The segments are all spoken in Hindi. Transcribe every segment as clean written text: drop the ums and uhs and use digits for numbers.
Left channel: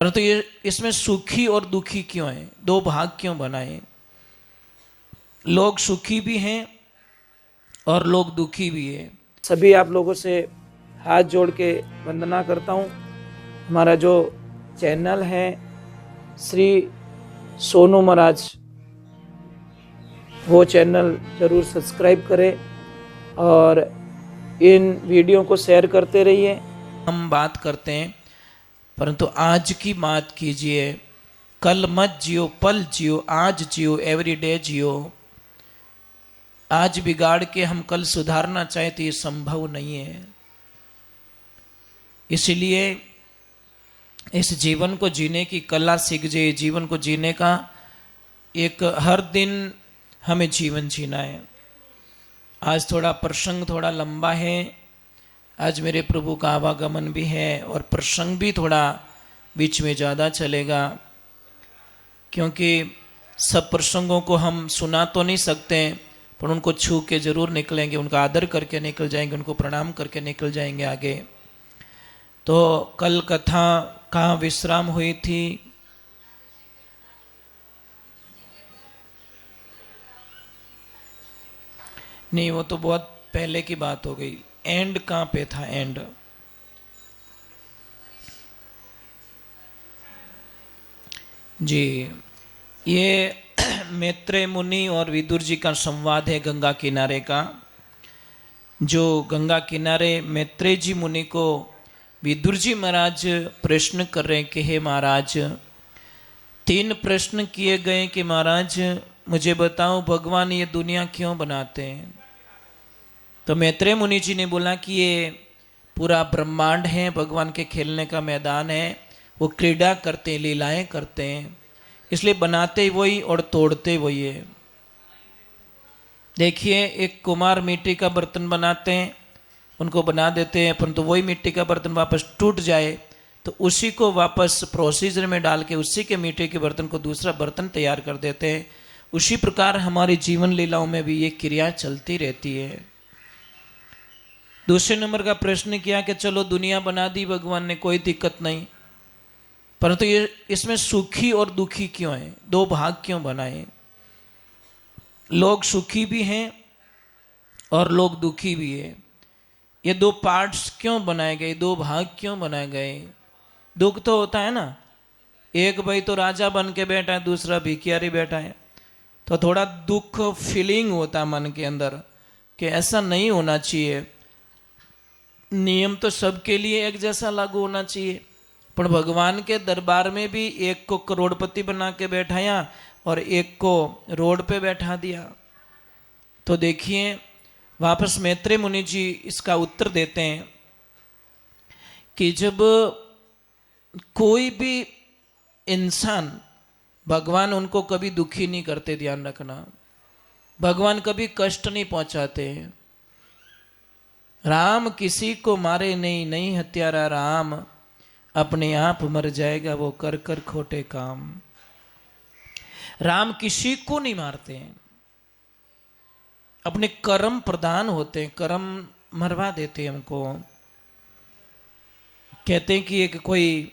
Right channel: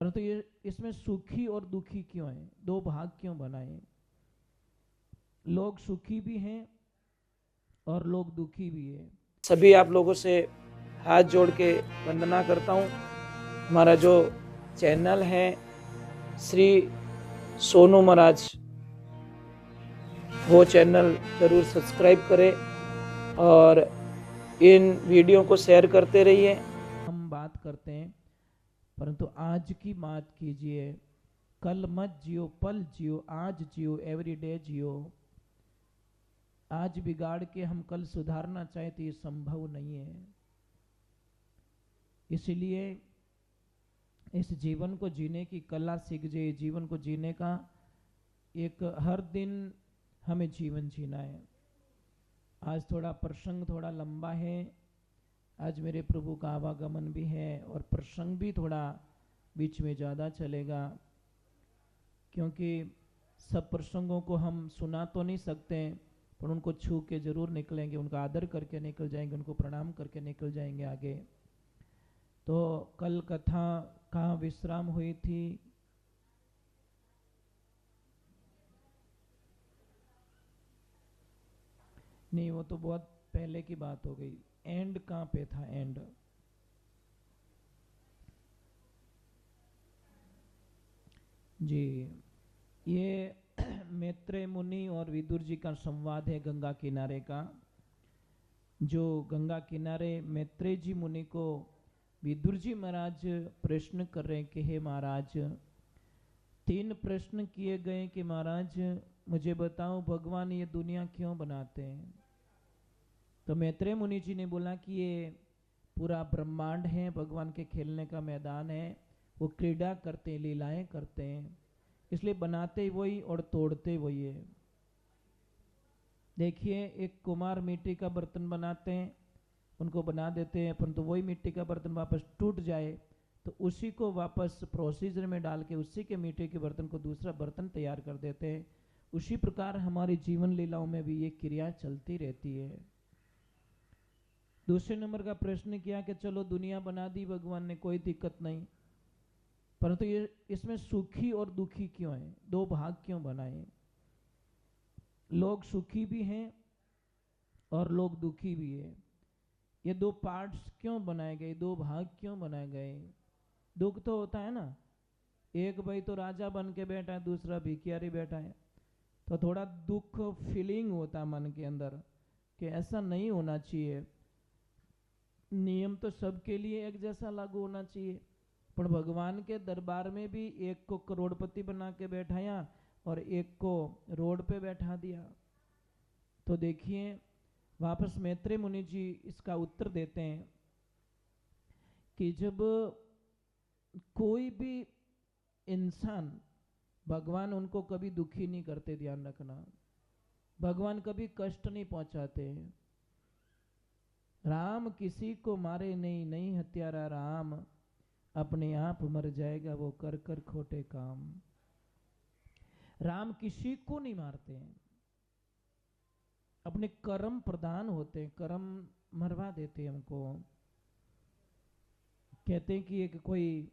परंतु ये इसमें सुखी और दुखी क्यों है, दो भाग क्यों बनाए? लोग सुखी भी हैं और लोग दुखी भी हैं। सभी आप लोगों से हाथ जोड़ के वंदना करता हूँ। हमारा जो चैनल है श्री सोनू महाराज, वो चैनल जरूर सब्सक्राइब करें और इन वीडियो को शेयर करते रहिए। हम बात करते हैं, परंतु आज की बात कीजिए। कल मत जियो, पल जियो, आज जियो, एवरीडे जियो। आज बिगाड़ के हम कल सुधारना चाहे तो ये संभव नहीं है। इसलिए इस जीवन को जीने की कला सीख जाए। जीवन को जीने का एक हर दिन हमें जीवन जीना है। आज थोड़ा प्रसंग थोड़ा लंबा है। आज मेरे प्रभु का आवागमन भी है और प्रसंग भी थोड़ा बीच में ज़्यादा चलेगा, क्योंकि सब प्रसंगों को हम सुना तो नहीं सकते, पर उनको छू के जरूर निकलेंगे, उनका आदर करके निकल जाएंगे, उनको प्रणाम करके निकल जाएंगे आगे। तो कल कथा कहाँ विश्राम हुई थी? नहीं, वो तो बहुत पहले की बात हो गई। एंड कहाँ पे था? एंड जी, ये मैत्रेय मुनि और विदुर जी का संवाद है गंगा किनारे का। जो गंगा किनारे मैत्रेय जी मुनि को विदुर जी महाराज प्रश्न कर रहे हैं कि हे महाराज, 3 प्रश्न किए गए कि महाराज मुझे बताओ भगवान ये दुनिया क्यों बनाते हैं? तो मैत्रेय मुनि जी ने बोला कि ये पूरा ब्रह्मांड है, भगवान के खेलने का मैदान है, वो क्रीड़ा करते हैं, लीलाएं करते हैं, इसलिए बनाते वही और तोड़ते वही है। देखिए, एक कुमार मिट्टी का बर्तन बनाते हैं, उनको बना देते हैं, परंतु वही मिट्टी का बर्तन वापस टूट जाए तो उसी को वापस प्रोसीजर में डाल के उसी के मिट्टी के बर्तन को दूसरा बर्तन तैयार कर देते हैं। उसी प्रकार हमारी जीवन लीलाओं में भी ये क्रिया चलती रहती है। दूसरे नंबर का प्रश्न किया कि चलो दुनिया बना दी भगवान ने, कोई दिक्कत नहीं, परंतु ये इसमें सुखी और दुखी क्यों है, दो भाग क्यों बनाए? लोग सुखी भी हैं और लोग दुखी भी है। ये दो पार्ट्स क्यों बनाए गए, दो भाग क्यों बनाए गए? दुख तो होता है ना, एक भाई तो राजा बन के बैठा है, दूसरा भिखियारी बैठा है, तो थोड़ा दुख फीलिंग होता है मन के अंदर कि ऐसा नहीं होना चाहिए। नियम तो सबके लिए एक जैसा लागू होना चाहिए, पर भगवान के दरबार में भी एक को करोड़पति बना के बैठाया और एक को रोड पे बैठा दिया। तो देखिए, वापस मैत्रेय मुनि जी इसका उत्तर देते हैं कि जब कोई भी इंसान, भगवान उनको कभी दुखी नहीं करते, ध्यान रखना, भगवान कभी कष्ट नहीं पहुंचाते। राम किसी को मारे नहीं, नहीं हत्यारा राम, अपने आप मर जाएगा वो कर कर खोटे काम। राम किसी को नहीं मारते हैं, अपने कर्म प्रदान होते हैं, कर्म मरवा देते हैं हमको। कहते हैं कि एक कोई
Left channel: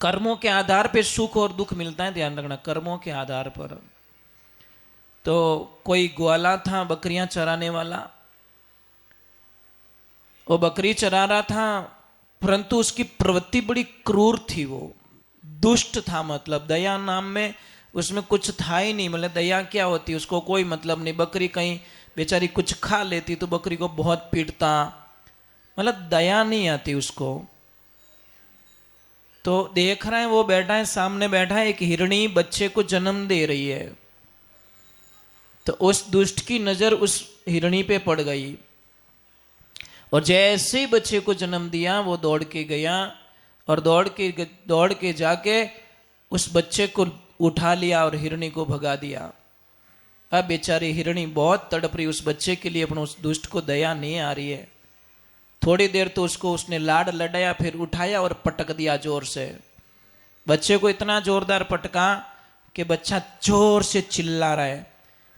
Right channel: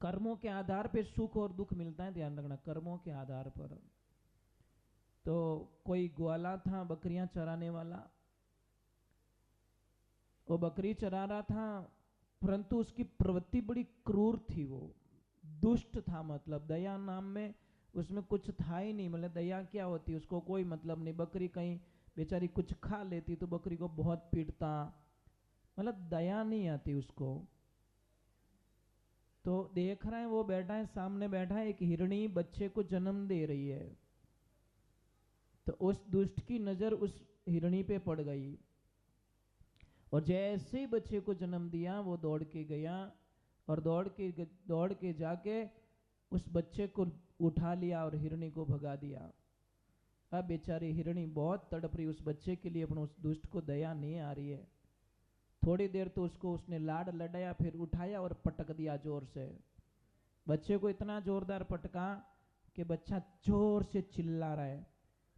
कर्मों के आधार पे सुख और दुख मिलता है, ध्यान रखना, कर्मों के आधार पर। तो कोई ग्वाला था, बकरियां चराने वाला, वो बकरी चरा रहा था, परंतु उसकी प्रवृत्ति बड़ी क्रूर थी, वो दुष्ट था। मतलब दया नाम में उसमें कुछ था ही नहीं। मतलब दया क्या होती, उसको कोई मतलब नहीं। बकरी कहीं बेचारी कुछ खा लेती तो बकरी को बहुत पीटता, मतलब दया नहीं आती उसको। तो देख रहे हैं, वो बैठा है, सामने बैठा है, एक हिरणी बच्चे को जन्म दे रही है। तो उस दुष्ट की नजर उस हिरणी पे पड़ गई और जैसे ही बच्चे को जन्म दिया वो दौड़ के गया और दौड़ के जाके उस बच्चे को उठा लिया और हिरणी को भगा दिया। अब बेचारी हिरणी बहुत तड़प रही उस बच्चे के लिए, अपने उस दुष्ट को दया नहीं आ रही है। थोड़ी देर तो उसको उसने लाड लडाया, फिर उठाया और पटक दिया जोर से। बच्चे को इतना जोरदार पटका कि बच्चा जोर से चिल्ला रहा है।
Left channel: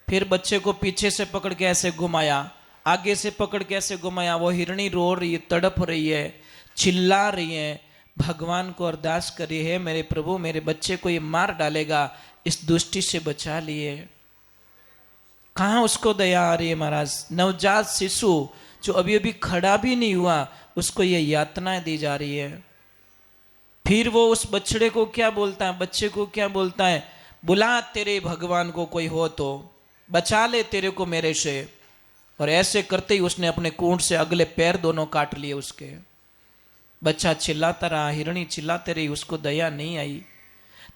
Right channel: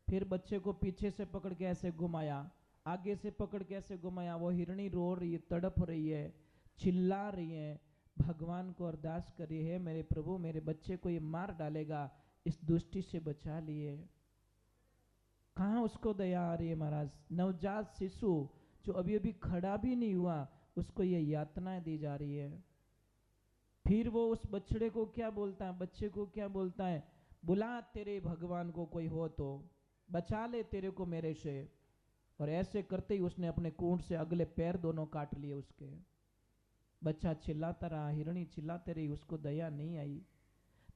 फिर बच्चे को पीछे से पकड़ के ऐसे घुमाया, आगे से पकड़ के ऐसे घुमाया। वो हिरणी रो रही है, तड़प रही है, चिल्ला रही है, भगवान को अरदास करी है, मेरे प्रभु मेरे बच्चे को ये मार डालेगा, इस दुष्टि से बचा लिए। कहाँ उसको दया आ रही है महाराज। नवजात शिशु जो अभी अभी खड़ा भी नहीं हुआ, उसको ये यातनाएं दी जा रही है। फिर वो उस बछड़े को क्या बोलता है, बच्चे को क्या बोलता है, बुला तेरे भगवान को कोई हो तो बचा ले तेरे को मेरे से। और ऐसे करते ही उसने अपने कूंट से अगले पैर दोनों काट लिए उसके। बच्चा चिल्लाता रहा, हिरणी चिल्लाते रही, उसको दया नहीं आई।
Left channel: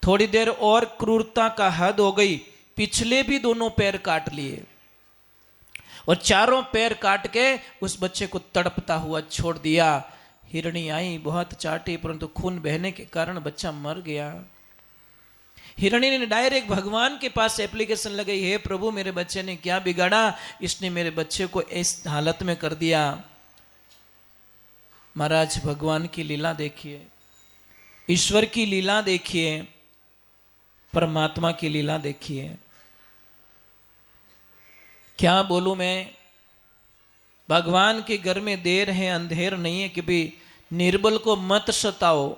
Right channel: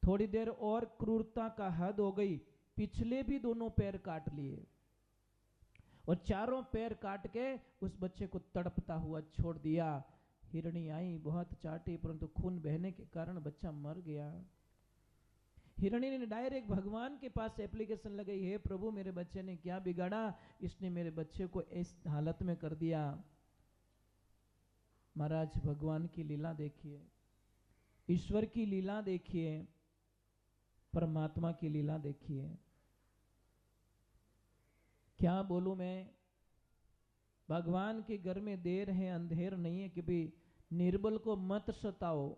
थोड़ी देर और क्रूरता का हद हो गई, पिछले भी दोनों पैर काट लिए और चारों पैर काट के उस बच्चे को तड़पता हुआ छोड़ दिया। हिरणी आई, बहुत चाटी, परंतु खून बहने के कारण बच्चा मर गया। हिरणी ने डायरेक्ट भगवान के पास एप्लीकेशन लगाई, हे प्रभु मेरे बच्चे ने क्या बिगाड़ा, इसने मेरे बच्चे को इस हालत में कर दिया। महाराज भगवान की लीला देखिए, ईश्वर की लीला देखिए, परमात्मा की लीला देखिए। क्या बोलूं मैं, भगवान के घर में देर है अंधेर नहीं है कि भी निर्बल को मत सताओ,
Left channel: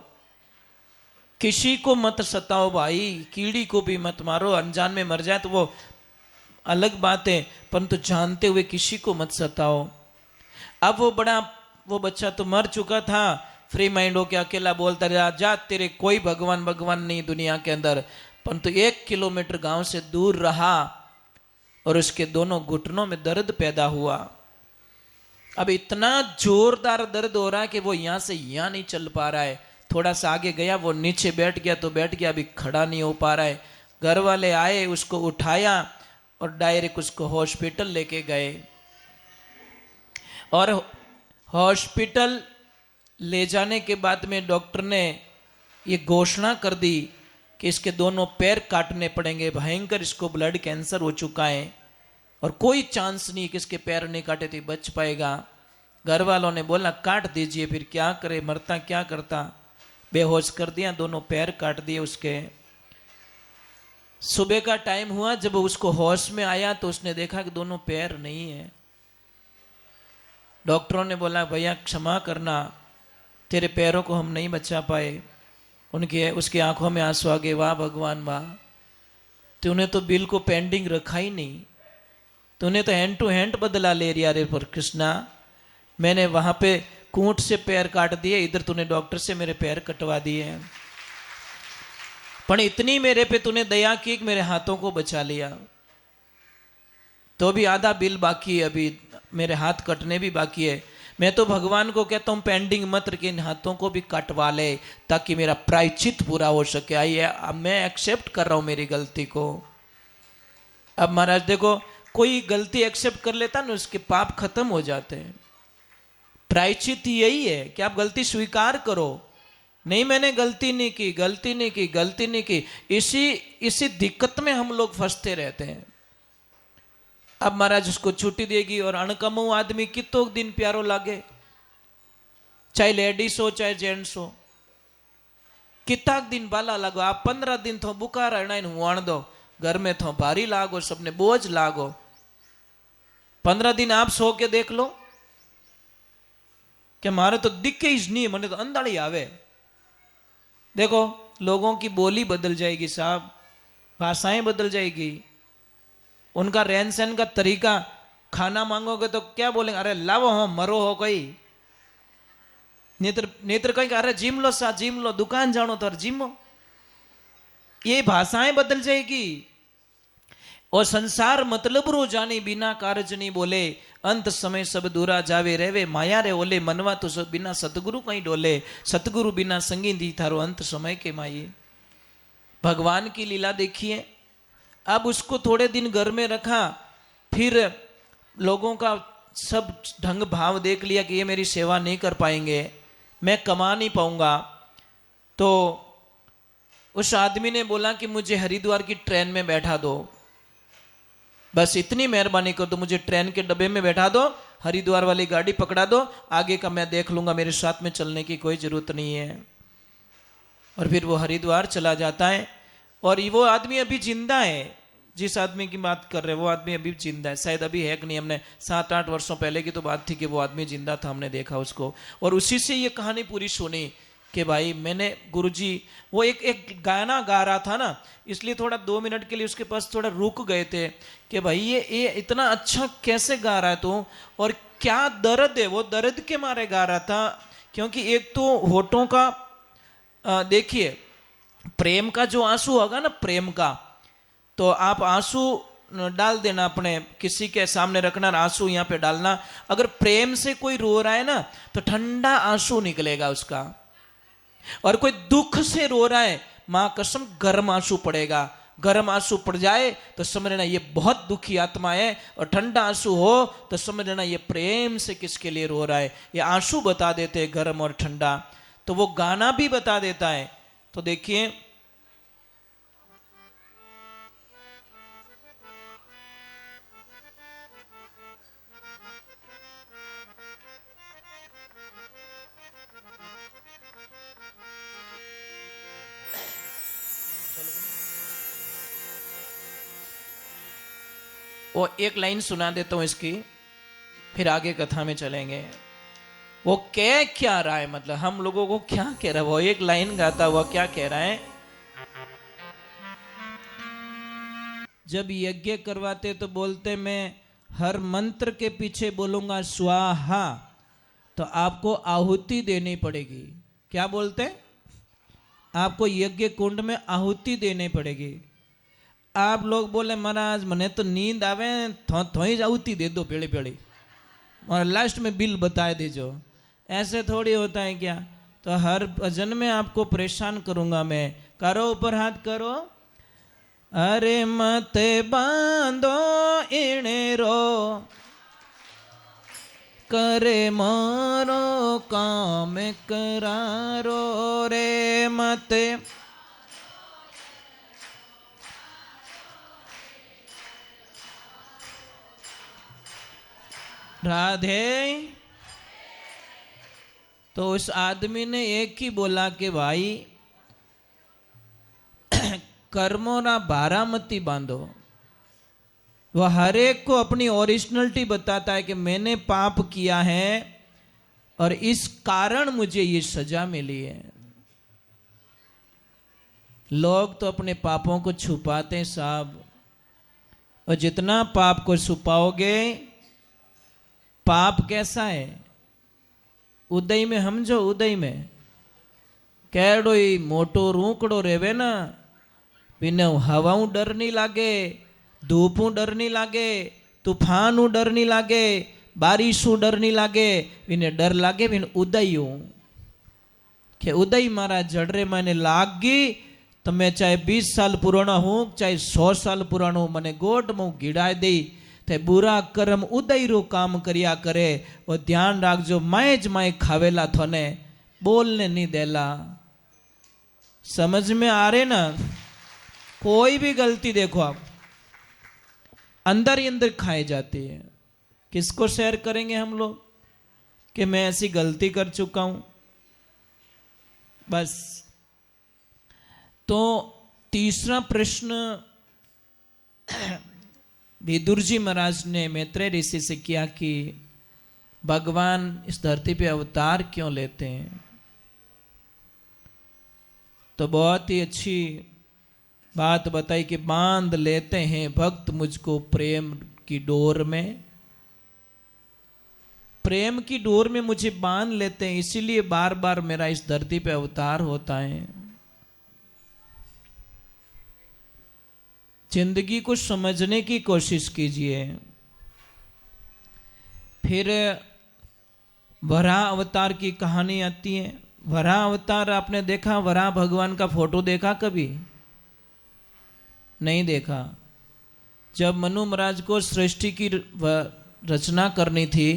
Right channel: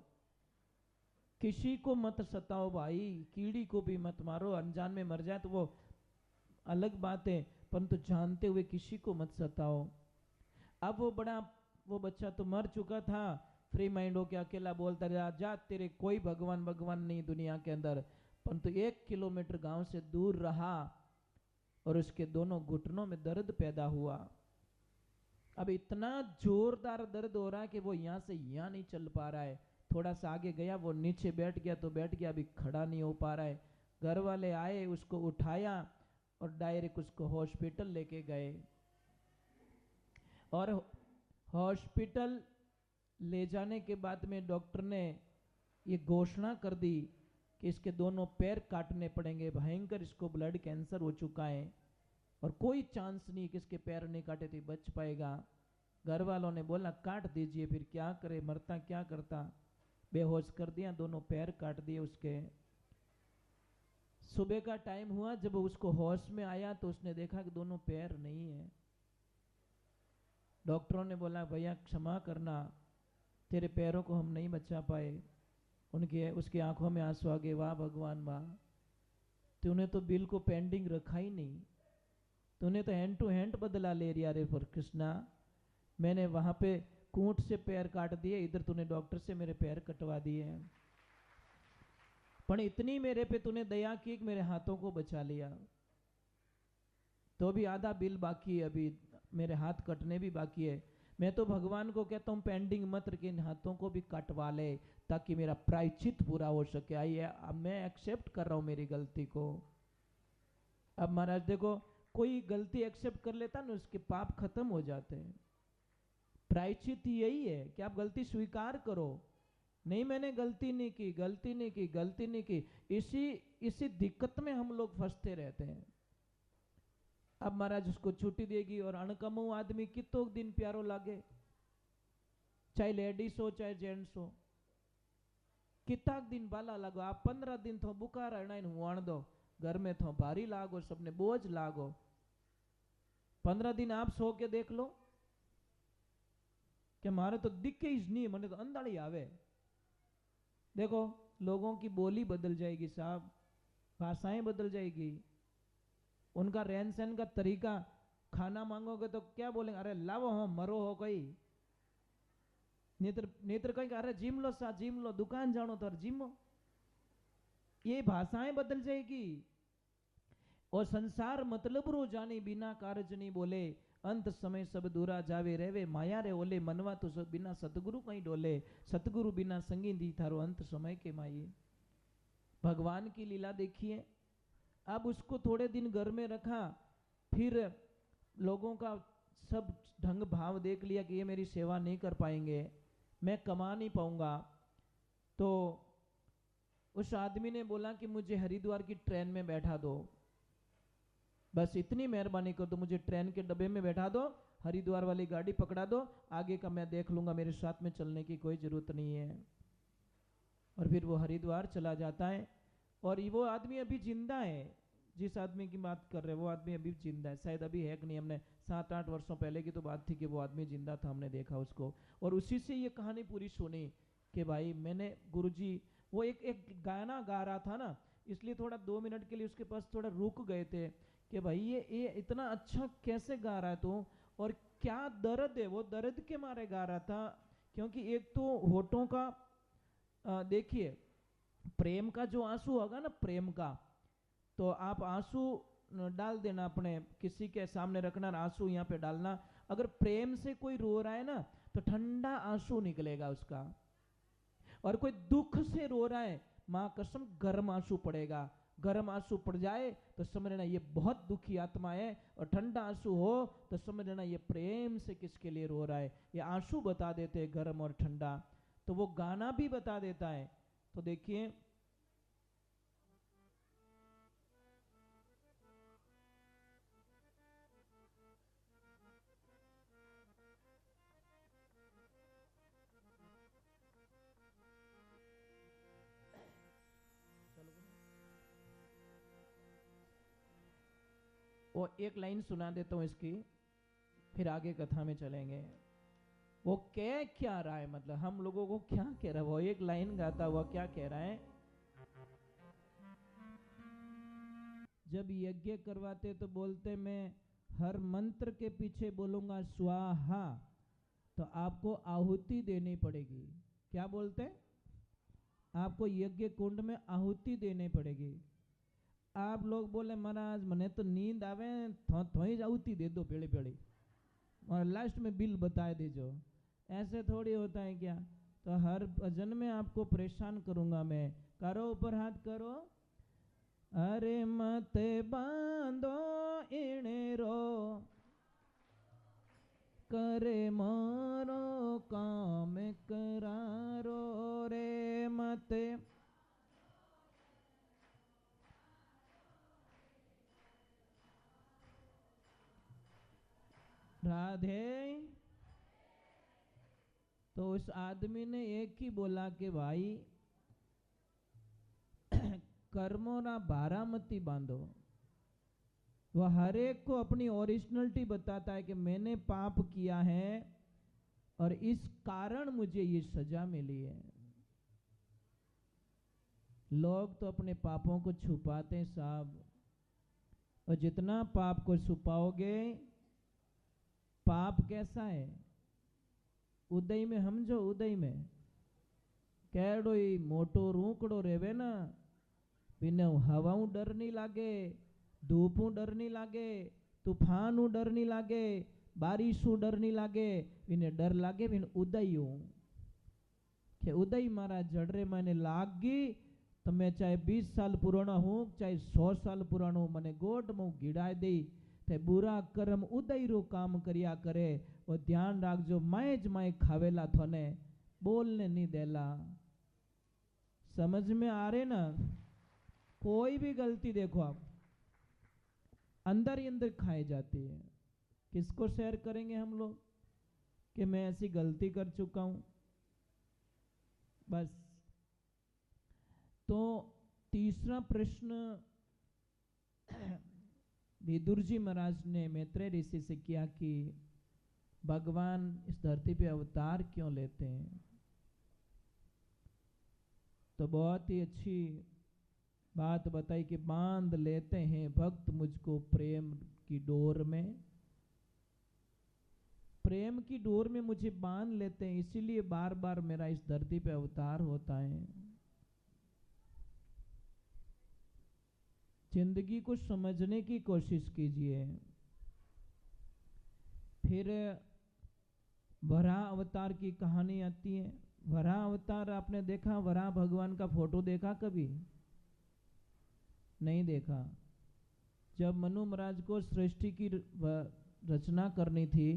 किसी को मत सताओ भाई, कीड़ी को भी मत मारो। अनजान में मर जाए तो वो अलग बात है, परंतु जानते हुए किसी को मत सताओ। अब वो बच्चा तो मर चुका था, फ्री माइंड होके अकेला बोलता रहा, जा तेरे कोई भगवान भगवान नहीं दुनिया के अंदर। परंतु 1 किलोमीटर गांव से दूर रहा और उसके दोनों घुटनों में दर्द पैदा हुआ। अब इतना जोरदार दर्द हो रहा है कि वो यहां से यहां नहीं चल पा रहा है। थोड़ा सा आगे गया, वो नीचे बैठ गया तो बैठ गया, अभी खड़ा नहीं हो पा रहा है। घर वाले आए, उसको उठाया और डायरेक्ट उसको हॉस्पिटल लेके गए। और हॉस्पिटल ले जाने के बाद में डॉक्टर ने ये घोषणा कर दी कि इसके दोनों पैर काटने पड़ेंगे, भयंकर इसको ब्लड कैंसर हो चुका है और कोई चांस नहीं कि इसके पैर नहीं काटे तो बच पाएगा। घर वालों ने बोला काट दीजिए, फिर क्या करे, मरता क्या करता। बेहोश कर दिया, दोनों पैर काट दिए उसके। सुबह का टाइम हुआ, जब उसको होश में आया तो उसने देखा कि दोनों पैर नहीं है। डॉक्टरों ने बोला भैया क्षमा करना, तेरे पैरों को हम नहीं बचा पाए। उसकी आंखों में आंसू आ गए, वाह भगवान वाह, तूने तो बिल को पेंडिंग रखा ही नहीं, तूने तो हैंड टू हैंड बदला ले रिया रे पर कृष्णा। मैंने वहां पे कूंट से पैर काट दिए, इधर तूने डॉक्टर से मेरे पैर कटवा दिए हैं, पर इतनी मेरे पे तूने दया की कि मेरे हाथों को बचा लिया। तो भी आधा बिल बाकी है, अभी मेरे हाथ कटने भी बाकी है। मैं तो भगवान को कहता हूं पेंडिंग मत रख, इन हाथों को भी कटवा ले ताकि मेरा प्रायश्चित पूरा हो सके। आइए, अब मैं एक्सेप्ट कर रहा हूं मेरी गलती को। अब महाराज देखो, कोई गलती एक्सेप्ट कर लेता ना, उसके पाप खत्म हो जाते हैं। प्रायश्चित यही है कि आप गलती स्वीकार करो, नहीं मैंने गलती नहीं की, गलती नहीं की, गलती नहीं की। इसी दिक्कत में हम लोग फंसते रहते हैं। अब महाराज उसको छुट्टी देगी और अणकमू आदमी कितो दिन प्यारो लागे, चाहे लेडीज हो चाहे जेंट्स हो, कितना दिन बाला लागो। आप 15 दिन थो बुखार अणाइन हुआण दो, घर में थो भारी लागो, सबने बोझ लागो। 15 दिन आप सो के देख लो कि मारे तो दिखे ही नहीं, मने तो अंधाड़ी आवे। देखो लोगों की बोली बदल जाएगी साहब, भाषाएं बदल जाएगी, उनका रहन सहन का तरीका। खाना मांगोगे तो क्या बोलेंगे, अरे लावो हो मरो हो कोई, नेत्र कहेंगे अरे जिम लो सा जिम लो, दुकान जानो तो जिमो। ये भाषाएं बदल जाएगी। और संसार मतलब रो जानी बिना कारज नहीं बोले, अंत समय सब दूरा जावे रेवे, माया रे ओले मनवा तो सब बिना सतगुरु कहीं डोले, सतगुरु बिना संगी दी थारो अंत समय के माये। भगवान की लीला देखिए। अब उसको थोड़े दिन घर में रखा, फिर लोगों का सब ढंग भाव देख लिया कि ये मेरी सेवा नहीं कर पाएंगे, मैं कमा नहीं पाऊंगा। तो उस आदमी ने बोला कि मुझे हरिद्वार की ट्रेन में बैठा दो, बस इतनी मेहरबानी कर दो, मुझे ट्रेन के डब्बे में बैठा दो, हरिद्वार वाली गाड़ी पकड़ा दो, आगे का मैं देख लूंगा, मेरे साथ में चलने की कोई जरूरत नहीं है। और फिर वो हरिद्वार चला जाता है। और वो आदमी अभी जिंदा है, जिस आदमी की बात कर रहे हैं वो आदमी अभी जिंदा है, शायद अभी है कि नहीं, हमने 7-8 वर्षों पहले की तो बात थी कि वो आदमी जिंदा था, हमने देखा उसको। और उसी से ये कहानी पूरी सुनी कि भाई मैंने गुरुजी, वो एक गाना गा रहा था ना, इसलिए थोड़ा 2 मिनट के लिए उसके पास थोड़ा रुक गए थे कि भाई ये इतना अच्छा कैसे गा रहा है तू, और क्या दर्द है, वो दर्द के मारे गा रहा था। क्योंकि एक तो होठों का देखिए, प्रेम का जो आंसू होगा ना, प्रेम का, तो आप आंसू डाल देना, अपने किसी के सामने रखना, आंसू यहाँ पे डालना। अगर प्रेम से कोई रो रहा है ना, तो ठंडा आंसू निकलेगा उसका। और कोई दुख से रो रहा है, मां कसम गर्म आंसू पड़ेगा। गर्म आंसू पड़ जाए तो समझ लेना ये बहुत दुखी आत्मा है, और ठंडा आंसू हो तो समझ लेना ये प्रेम से किसके लिए रो रहा है। ये आंसू बता देते हैं गर्म और ठंडा, तो वो गाना भी बता देता है। तो देखिए, वो एक लाइन सुना देता हूं इसकी, फिर आगे कथा में चलेंगे। वो कह क्या रहा है, मतलब हम लोगों को क्या कह रहा है, वो एक लाइन गाता हुआ क्या कह रहा है। जब यज्ञ करवाते तो बोलते मैं हर मंत्र के पीछे बोलूंगा स्वाहा, तो आपको आहुति देनी पड़ेगी। क्या बोलते हैं? आपको यज्ञ कुंड में आहुति देनी पड़ेगी। आप लोग बोले महाराज मने तो नींद आवे, थोड़ी आहुति दे दो पेड़ी पेड़ी, और लास्ट में बिल बता दीजो। ऐसे थोड़ी होता है क्या? तो हर भजन में आपको परेशान करूंगा मैं। करो ऊपर हाथ करो। अरे मते बांधो इणेरो, करे मारो काम करारो रे मते। राधे। तो उस आदमी ने एक ही बोला कि भाई कर्मों ना बारामती बांधो। वह हर एक को अपनी ओरिजिनलिटी बताता है कि मैंने पाप किया है और इस कारण मुझे ये सजा मिली है। लोग तो अपने पापों को छुपाते हैं साहब, और जितना पाप को छुपाओगे, पाप कैसा है, उदय में समझो, उदय में केड़ो ही मोटो रूकड़ो रेवे ना, बिना हवाऊ डर नहीं लागे, धूपू डर नहीं लागे, तूफानू डर नहीं लागे, बारिशू डर नहीं लागे, बिने डर लागे बिन उदयू के उदय मारा जड़रे मैंने लागी, तो मैं चाहे 20 साल पुराना हूं, चाहे 100 साल पुराना हूं, मैंने गोट में गिड़ाई दी। ते बुरा कर्म उदय रो काम करिया करे, वो ध्यान राखजो माए खावेला थोने बोलने नहीं देला। समझ में आ रहे ना? कोई भी गलती देखो आप, अंदर ही अंदर खाई जाती है। किसको शेयर करेंगे हम लोग कि मैं ऐसी गलती कर चुका हूं? बस। तो तीसरा प्रश्न विदुर जी महाराज ने मैत्रेय ऋषि से किया कि भगवान इस धरती पे अवतार क्यों लेते हैं? तो बहुत ही अच्छी बात बताई कि बांध लेते हैं भक्त मुझको प्रेम की डोर में, प्रेम की डोर में मुझे बांध लेते हैं, इसीलिए बार बार मेरा इस धरती पे अवतार होता है। जिंदगी को समझने की कोशिश कीजिए। फिर वराह अवतार की कहानी आती है। वराह अवतार आपने देखा? वराह भगवान का फोटो देखा कभी? नहीं देखा। जब मनु महाराज को सृष्टि की रचना करनी थी,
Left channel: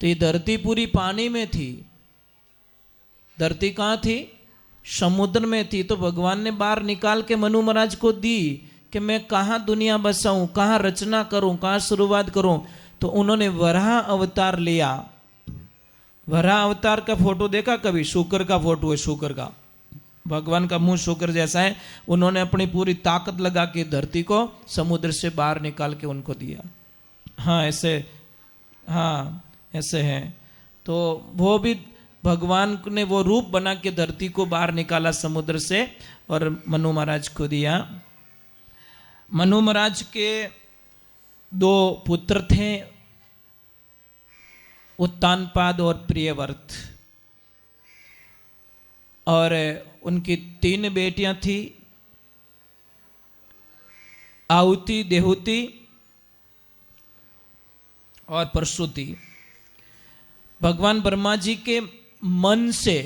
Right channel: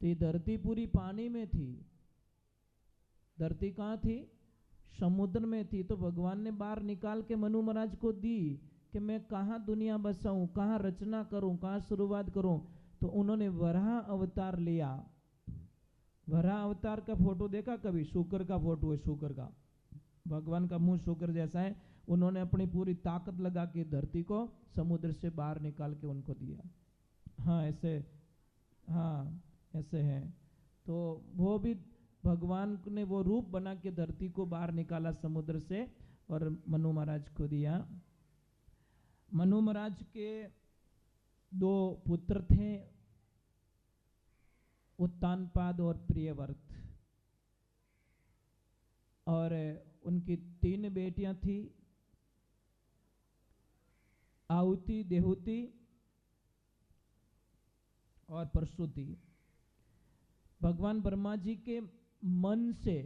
तो ये धरती पूरी पानी में थी। धरती कहाँ थी? समुद्र में थी। तो भगवान ने बाहर निकाल के मनु महाराज को दी कि मैं कहाँ दुनिया बसाऊं, कहाँ रचना करूं, कहाँ शुरुआत करूं। तो उन्होंने वराह अवतार लिया। वराह अवतार का फोटो देखा कभी? शुकर का फोटो है, शुकर का, भगवान का मुंह शुकर जैसा है। उन्होंने अपनी पूरी ताकत लगा के धरती को समुद्र से बाहर निकाल के उनको दिया। हाँ ऐसे, हाँ ऐसे है। तो वो भी भगवान ने वो रूप बना के धरती को बाहर निकाला समुद्र से और मनु महाराज को दिया। मनु महाराज के 2 पुत्र थे, उत्तानपाद और प्रियव्रत, और उनकी 3 बेटियां थी, आहुति, देहुति और प्रसूति। भगवान ब्रह्मा जी के मन से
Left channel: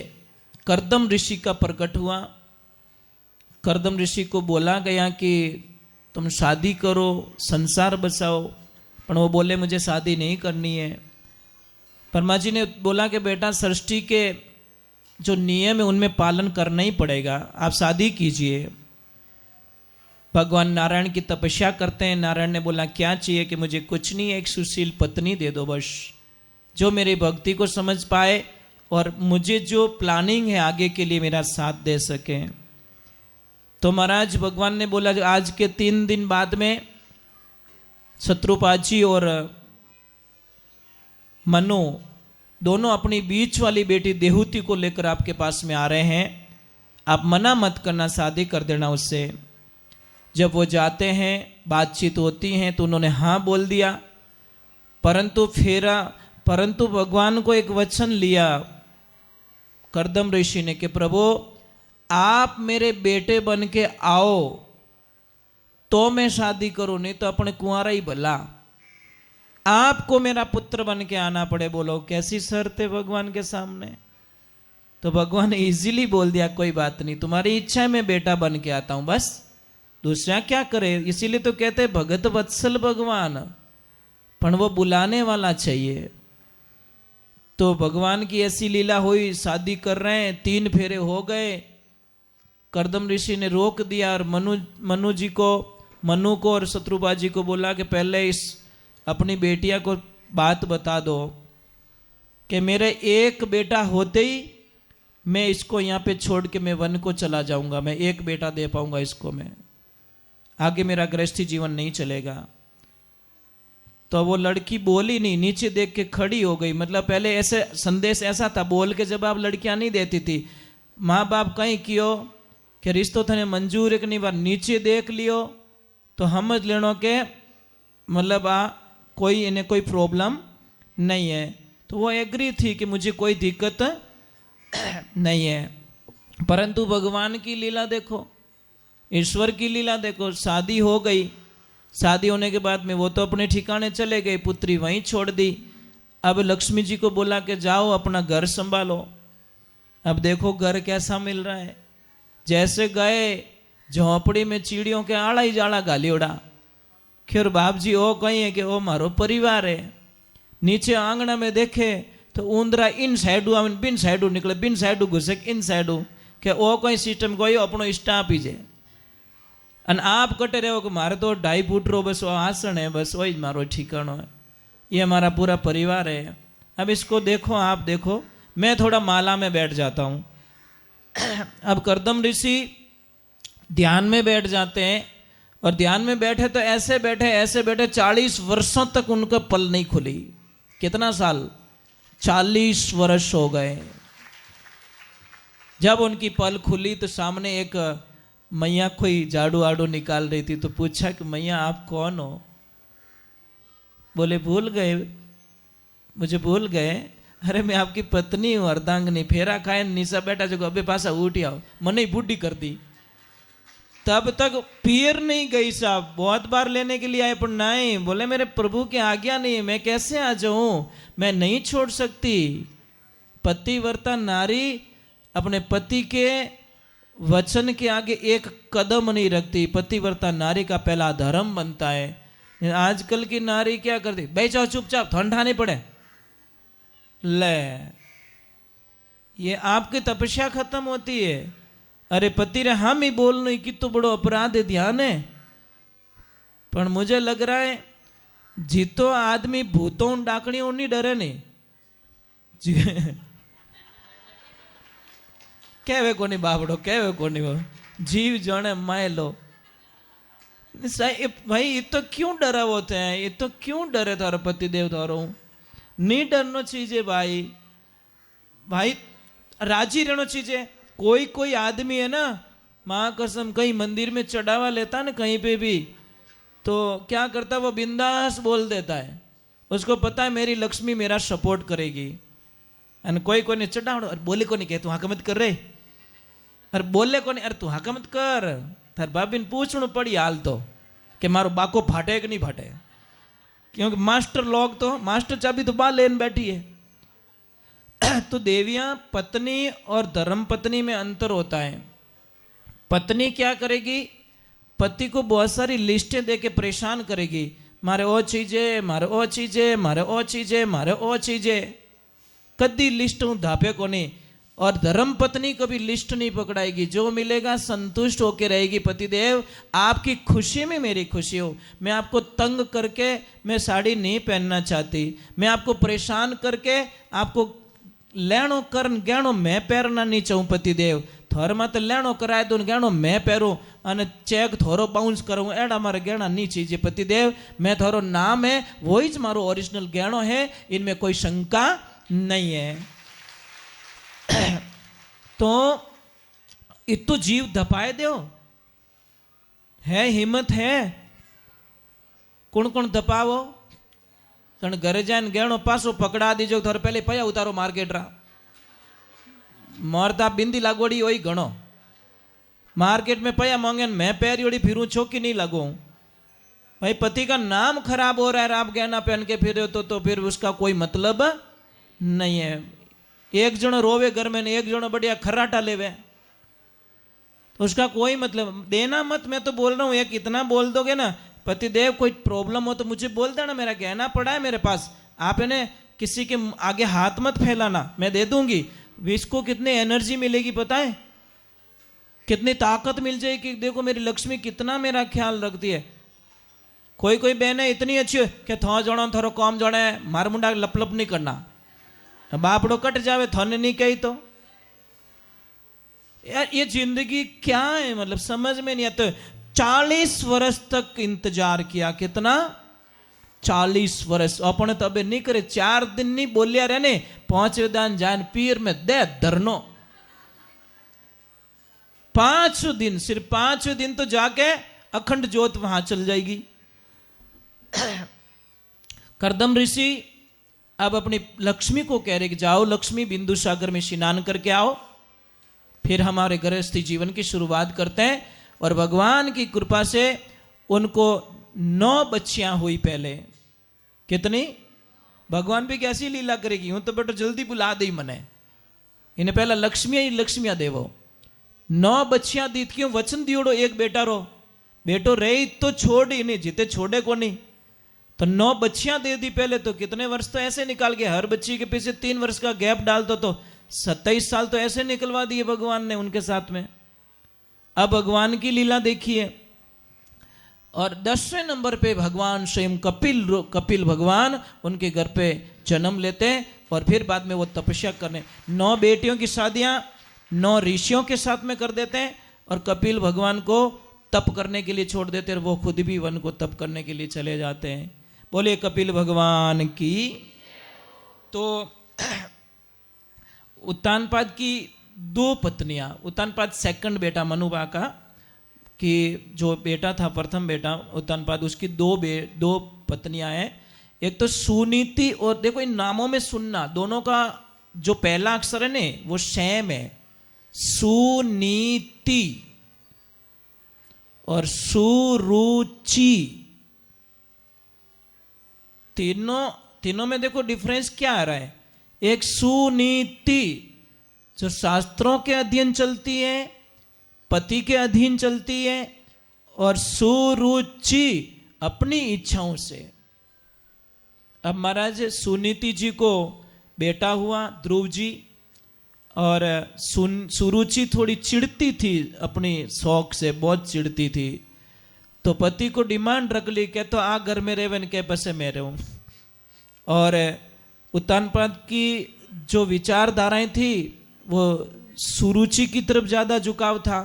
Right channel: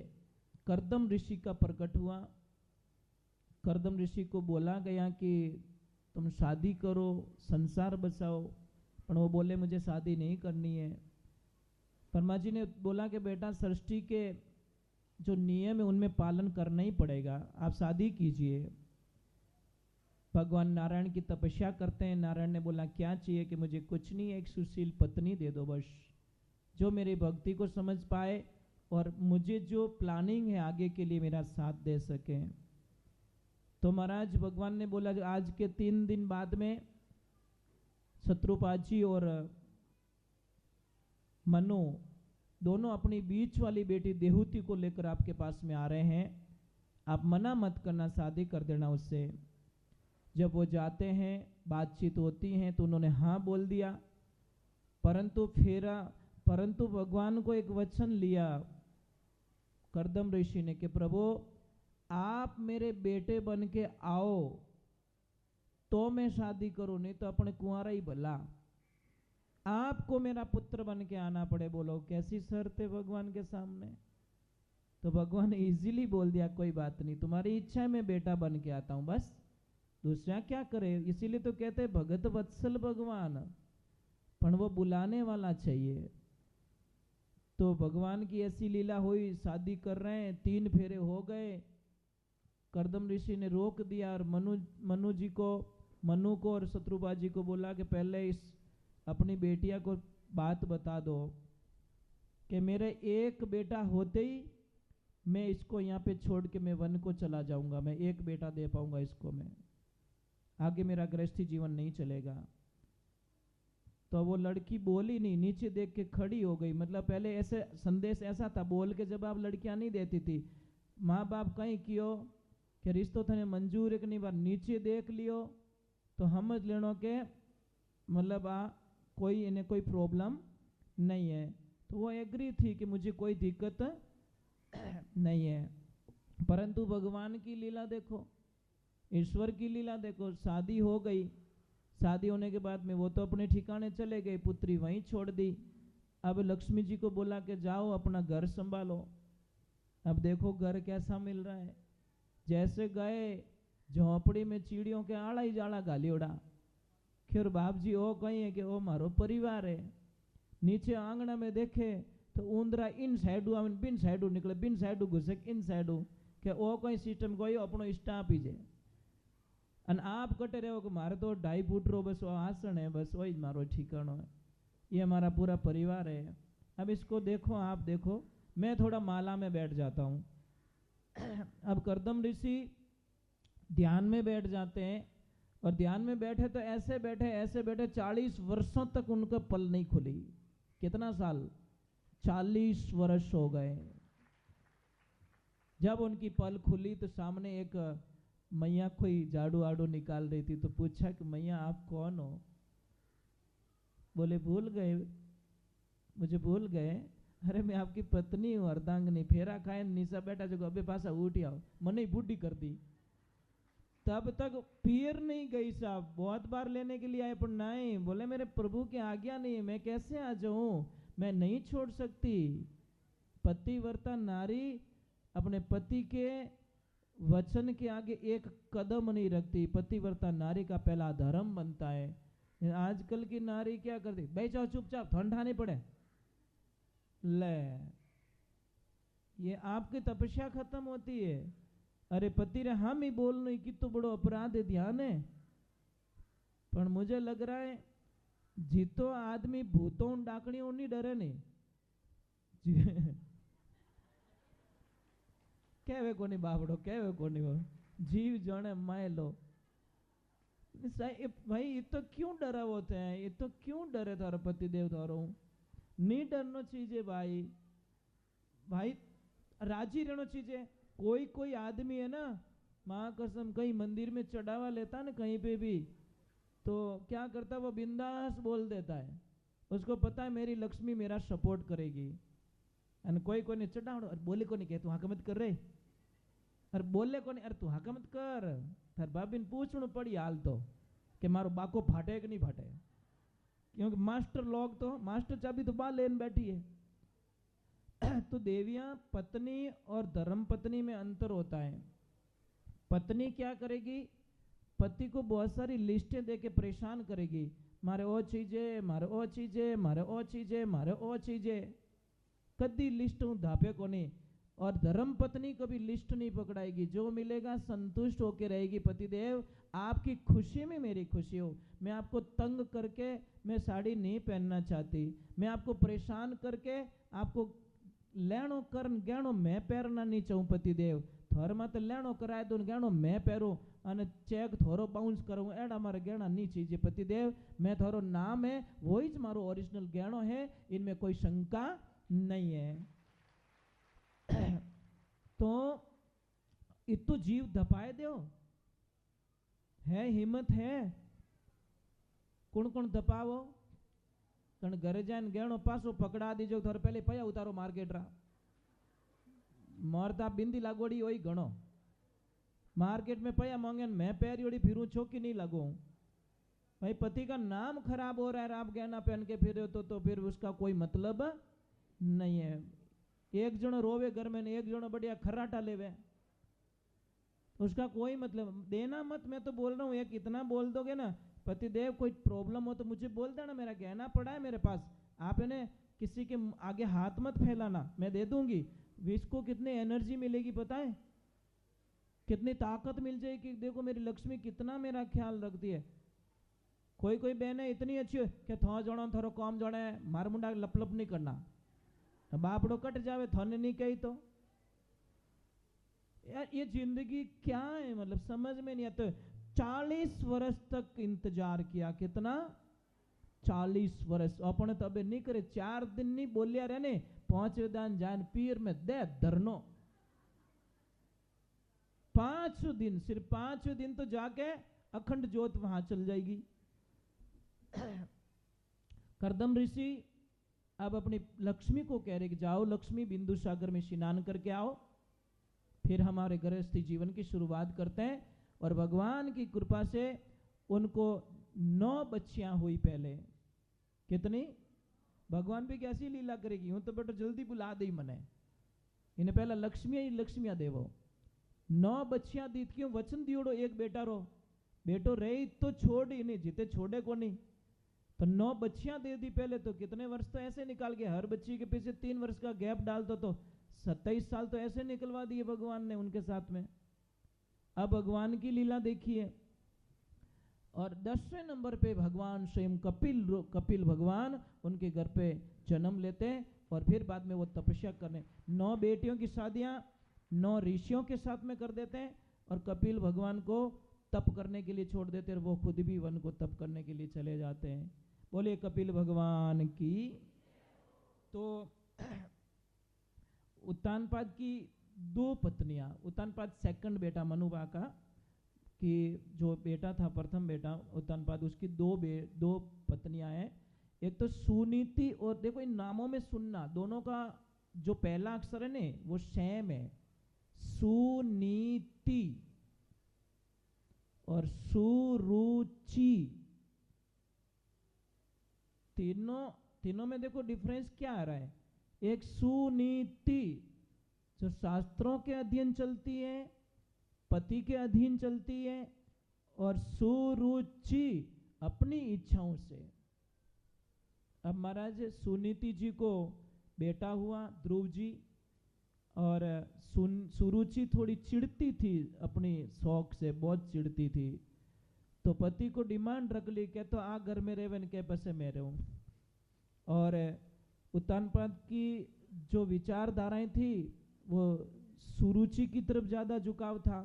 कर्दम ऋषि का प्रकट हुआ। कर्दम ऋषि को बोला गया कि तुम शादी करो, संसार बचाओ, पर वो बोले मुझे शादी नहीं करनी है। ब्रह्मा जी ने बोला कि बेटा सृष्टि के जो नियम है उनमें पालन करना ही पड़ेगा, आप शादी कीजिए। भगवान नारायण की तपस्या करते हैं। नारायण ने बोला क्या चाहिए कि मुझे कुछ नहीं, एक सुशील पत्नी दे दो बस, जो मेरी भक्ति को समझ पाए और मुझे जो प्लानिंग है आगे के लिए मेरा साथ दे सके। तो महाराज भगवान ने बोला जो आज के 3 दिन बाद में शत्रुपाद जी और मनु दोनों अपनी बीच वाली बेटी देहुति को लेकर आपके पास में आ रहे हैं, आप मना मत करना, शादी कर देना उससे। जब वो जाते हैं, बातचीत होती हैं, तो उन्होंने हाँ बोल दिया, परंतु भगवान को एक वचन लिया कर्दम ऋषि ने कि प्रभु आप मेरे बेटे बन के आओ तो मैं शादी करूं, नहीं तो अपने कुंवारा ही भला, आपको मेरा पुत्र बन के आना पड़े। बोलो कैसी शर्त है भगवान के सामने। तो भगवान ने इजीली बोल दिया कोई बात नहीं, तुम्हारी इच्छा है मैं बेटा बन के आता हूं, बस दूसरा क्या करे। इसीलिए तो कहते हैं भगत वत्सल भगवान, पर वो बुलाने वाला चाहिए। तो भगवान की ऐसी लीला हुई, शादी कर रहे हैं, 3 फेरे हो गए। कर्दम ऋषि ने रोक दिया और मनु को और शत्रुपाद जी को बोला कि पहले इस अपनी बेटिया को बात बता दो कि मेरे एक बेटा होते ही मैं इसको यहाँ पे छोड़ के मैं वन को चला जाऊंगा, मैं एक बेटा दे पाऊंगा इसको, मैं आगे मेरा गृहस्थी जीवन नहीं चलेगा। तो वो लड़की बोली नहीं, नीचे देख के खड़ी हो गई। मतलब पहले ऐसे संदेश ऐसा था, बोल के जब आप लड़कियां नहीं देती थी, माँ बाप कहीं कियो कि रिश्तो थने मंजूर एक नहीं, बार नीचे देख लियो तो समझ लेनो के मतलब कोई इन्हें कोई प्रॉब्लम नहीं है। तो वो एग्री थी कि मुझे कोई दिक्कत नहीं है। परंतु भगवान की लीला देखो, ईश्वर की लीला देखो, शादी हो गई, शादी होने के बाद में वो तो अपने ठिकाने चले गए, पुत्री वहीं छोड़ दी। अब लक्ष्मी जी को बोला कि जाओ अपना घर संभालो। अब देखो घर कैसा मिल रहा है, जैसे गए झोंपड़ी में चिड़ियों के आड़ा ही जाड़ा गालियोड़ा। खैर बाप जी ओ कहीं है कि वो मारो परिवार है। नीचे आंगना में देखे तो ऊंदरा इन साइडू आवे बिन साइडू निकले, बिन साइडू घुसे इन साइडू, के ओ कोई सिस्टम कोई अपनो स्टाफ ही जे। अन आप कटे रहो कि मारे तो 2.5 फुट रो बस वो आसन है, बस वही मारो ठिकानो है, ये हमारा पूरा परिवार है। अब इसको देखो, आप देखो, मैं थोड़ा माला में बैठ जाता हूँ। अब कर्दम ऋषि ध्यान में बैठ जाते हैं, और ध्यान में बैठे तो ऐसे बैठे 40 वर्षों तक उनका पल नहीं खुली। कितना साल? 40 वर्ष हो गए। जब उनकी पल खुली तो सामने एक मैया कोई झाड़ू आड़ू निकाल रही थी। तो पूछा कि मैया आप कौन हो? बोले भूल गए, मुझे भूल गए। अरे मैं आपकी पत्नी हूँ अर्धांगिनी, फेरा खाए नीचा बैठा जो अबे पासा उठी आओ, मने बूढ़ी कर दी। तब तक पीर नहीं गई साहब, बहुत बार लेने के लिए आए पर नहीं, बोले मेरे प्रभु की आज्ञा नहीं, मैं कैसे आ जाऊं, मैं नहीं छोड़ सकती। पतिव्रता नारी अपने पति के वचन के आगे एक कदम नहीं रखती। पतिव्रता नारी का पहला धर्म बनता है। आजकल की नारी क्या करती, भाई जाओ चुपचाप, ठंडा नहीं पड़े, ले ये आपकी तपस्या खत्म होती है। अरे पति रे हम ही बोलने की तो बड़ो अपराध है, ध्यान है। पर मुझे लग रहा है जीतो आदमी भूतों डाकणियों नहीं डरे नहीं जी। कहवे कोनी बाबड़ो, कहवे कोनी वो जीव जाने माय लो। भाई ये तो क्यों डरा होते हैं, ये तो क्यों डरे थारो पति देव थारो? नहीं डरनो चाहिए भाई। भाई राजी रहना चाहिए। कोई कोई आदमी है ना, माँ कसम कहीं मंदिर में चढ़ावा लेता ना कहीं पे भी, तो क्या करता वो बिंदास बोल देता है, उसको पता है मेरी लक्ष्मी मेरा सपोर्ट करेगी। और कोई को नहीं चढ़ावड़ो, अरे बोले को नहीं कहे तू हाँ मत कर रे, अरे बोले को नहीं, अरे तू हाँ मत कर, थार भाभी ने पूछना पड़ी हाल तो कि मारो बाको फाटे कि नहीं फाटे, क्योंकि मास्टर लोग तो मास्टर चाबी तो बाहर लेने बैठी है। तो देवियां पत्नी और धर्म पत्नी में अंतर होता है। पत्नी क्या करेगी, पति को बहुत सारी लिस्टें देके परेशान करेगी, मारे ओ चीजें, मारे ओ चीजें, मारे ओ चीजें, मारे ओ चीजें, कदी लिस्ट हूं धापे को नहीं। और धर्म पत्नी कभी लिस्ट नहीं पकड़ाएगी, जो मिलेगा संतुष्ट होकर रहेगी। पतिदेव आपकी खुशी में मेरी खुशी हो, मैं आपको तंग करके मैं साड़ी नहीं पहनना चाहती, मैं आपको परेशान करके आपको लेणो करन गहणो मैं पहनना नहीं चाहूँ। पतिदेव थोर मत लेणो कराए दो गहणो मैं पहरूं અને ચેક થોરો બાઉન્સ કરું એડા મારે ગહેણા नहीं चाहिए। पतिदेव मैं थोरो नाम है वही ज मारो ओरिजिनल गहणो है, इनमें कोई शंका नहीं है। तो इतो जीव धपाए दो है, हिम्मत है, कौन कौन धपावो तने घरे जाए गहणो पासो पकड़ा दीजो, थोड़े पहले पया उतारो मार्केट रा मारता बिंदी लागोड़ी वही घणो मार्केट में पया मांगे मैं पैरियोड़ी फिरूं छोकी नहीं लगूं। भाई पति का नाम खराब हो रहा है, आप गहना पहन के फिर तो फिर उसका कोई मतलब नहीं है। एक जनो रोवे घर में एक जनो बढ़िया खर्राटा लेवे, तो उसका कोई मतलब देना मत। मैं तो बोल रहा हूँ एक इतना बोल दोगे ना, पतिदेव कोई प्रॉब्लम हो तो मुझे बोल देना, मेरा गहना पड़ा है मेरे पास, आप इन्हें किसी के आगे हाथ मत फैलाना, मैं दे दूंगी। इसको कितनी एनर्जी मिलेगी पता है, कितनी ताकत मिल जाएगी। देखो मेरी लक्ष्मी कितना मेरा ख्याल रखती है। कोई कोई बहनें इतनी अच्छी है कि थो जणो थोड़ो कम जणे मार मुंडा लपलप नहीं करना, बापड़ो कट जावे थोने नहीं कही तो यार ये जिंदगी क्या है, मतलब समझ में नहीं आता। 40 वर्ष तक इंतजार किया, कितना 40 वर्ष अपने तो अबे नहीं करे, 4 दिन नहीं बोलिया रहने 5 दान जान पीर में दे धरनो, 5 दिन, सिर्फ 5 दिन तो जाके अखंड ज्योत वहां चल जाएगी। करदम ऋषि अब अपनी लक्ष्मी को कह रहे कि जाओ लक्ष्मी बिंदु सागर में स्नान करके आओ, फिर हमारे गृहस्थी जीवन की शुरुआत करते हैं। और भगवान की कृपा से उनको 9 बच्चियां हुई पहले। कितनी? भगवान भी कैसी लीला करेगी, यूं तो बेटा जल्दी बुला दे मने, इन्हें पहला लक्ष्मिया देवो। 9 बच्चियां दी, क्यों वचन दियोड़ो एक बेटा रो, बेटो रही तो छोड़ ही नहीं, जीते छोड़े को नहीं, तो 9 बच्चियां दे दी पहले। तो कितने वर्ष तो ऐसे निकाल के, हर बच्ची के पीछे 3 वर्ष का गैप डाल दो तो 27 साल तो ऐसे निकलवा दिए भगवान ने उनके साथ में। अब भगवान की लीला देखिए। और 10वें नंबर पे भगवान स्वयं कपिल भगवान उनके घर पे जन्म लेते हैं, और फिर बाद में वो तपस्या करने 9 बेटियों की शादियां 9 ऋषियों के साथ में कर देते हैं, और कपिल भगवान को तप करने के लिए छोड़ देते हैं, और वो खुद भी वन को तप करने के लिए चले जाते हैं। बोले कपिल भगवान की। तो उत्तानपाद की 2 पत्नियां, उत्तानपाद सेकंड बेटा मनुबा का, कि जो बेटा था प्रथम बेटा उत्तानपाद, उसकी 2 पत्नियां हैं। एक तो सुनीति, और देखो इन नामों में सुनना, दोनों का जो पहला अक्षर है ने वो सेम है, सुनीति और सुरुचि। तीनों में देखो डिफरेंस क्या आ रहा है। एक सुनीति जो शास्त्रों के अधीन चलती है, पति के अधीन चलती है, और सुरुचि अपनी इच्छाओं से। अब महाराज सुनीति जी को बेटा हुआ ध्रुव जी, और सुरुचि थोड़ी चिढ़ती थी अपनी शौक से, बहुत चिढ़ती थी, तो पति को डिमांड रख ली कि तो आ घर में रेवन के पसे मैं रहूं। और उत्तानपाद की जो विचारधाराएं थी वो सुरुचि की तरफ ज्यादा झुकाव था,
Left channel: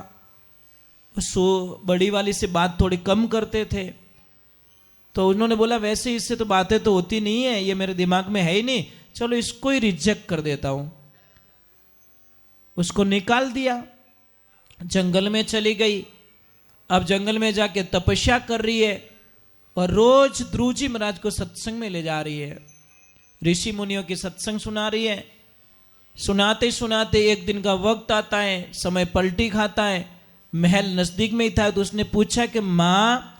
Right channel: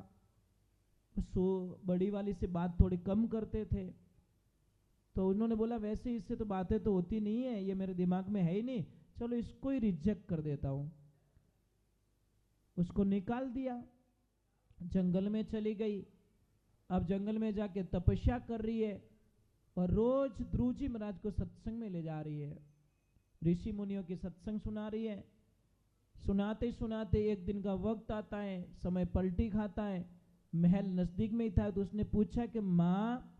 बड़ी वाली से बात थोड़ी कम करते थे। तो उन्होंने बोला वैसे इससे तो बातें तो होती नहीं है, ये मेरे दिमाग में है ही नहीं, चलो इसको ही रिजेक्ट कर देता हूं। उसको निकाल दिया, जंगल में चली गई। अब जंगल में जाके तपस्या कर रही है और रोज ध्रुव जी महाराज को सत्संग में ले जा रही है, ऋषि मुनियों की सत्संग सुना रही है। सुनाते सुनाते एक दिन का वक्त आता है, समय पलटी खाता है, महल नजदीक में ही था। तो उसने पूछा कि माँ,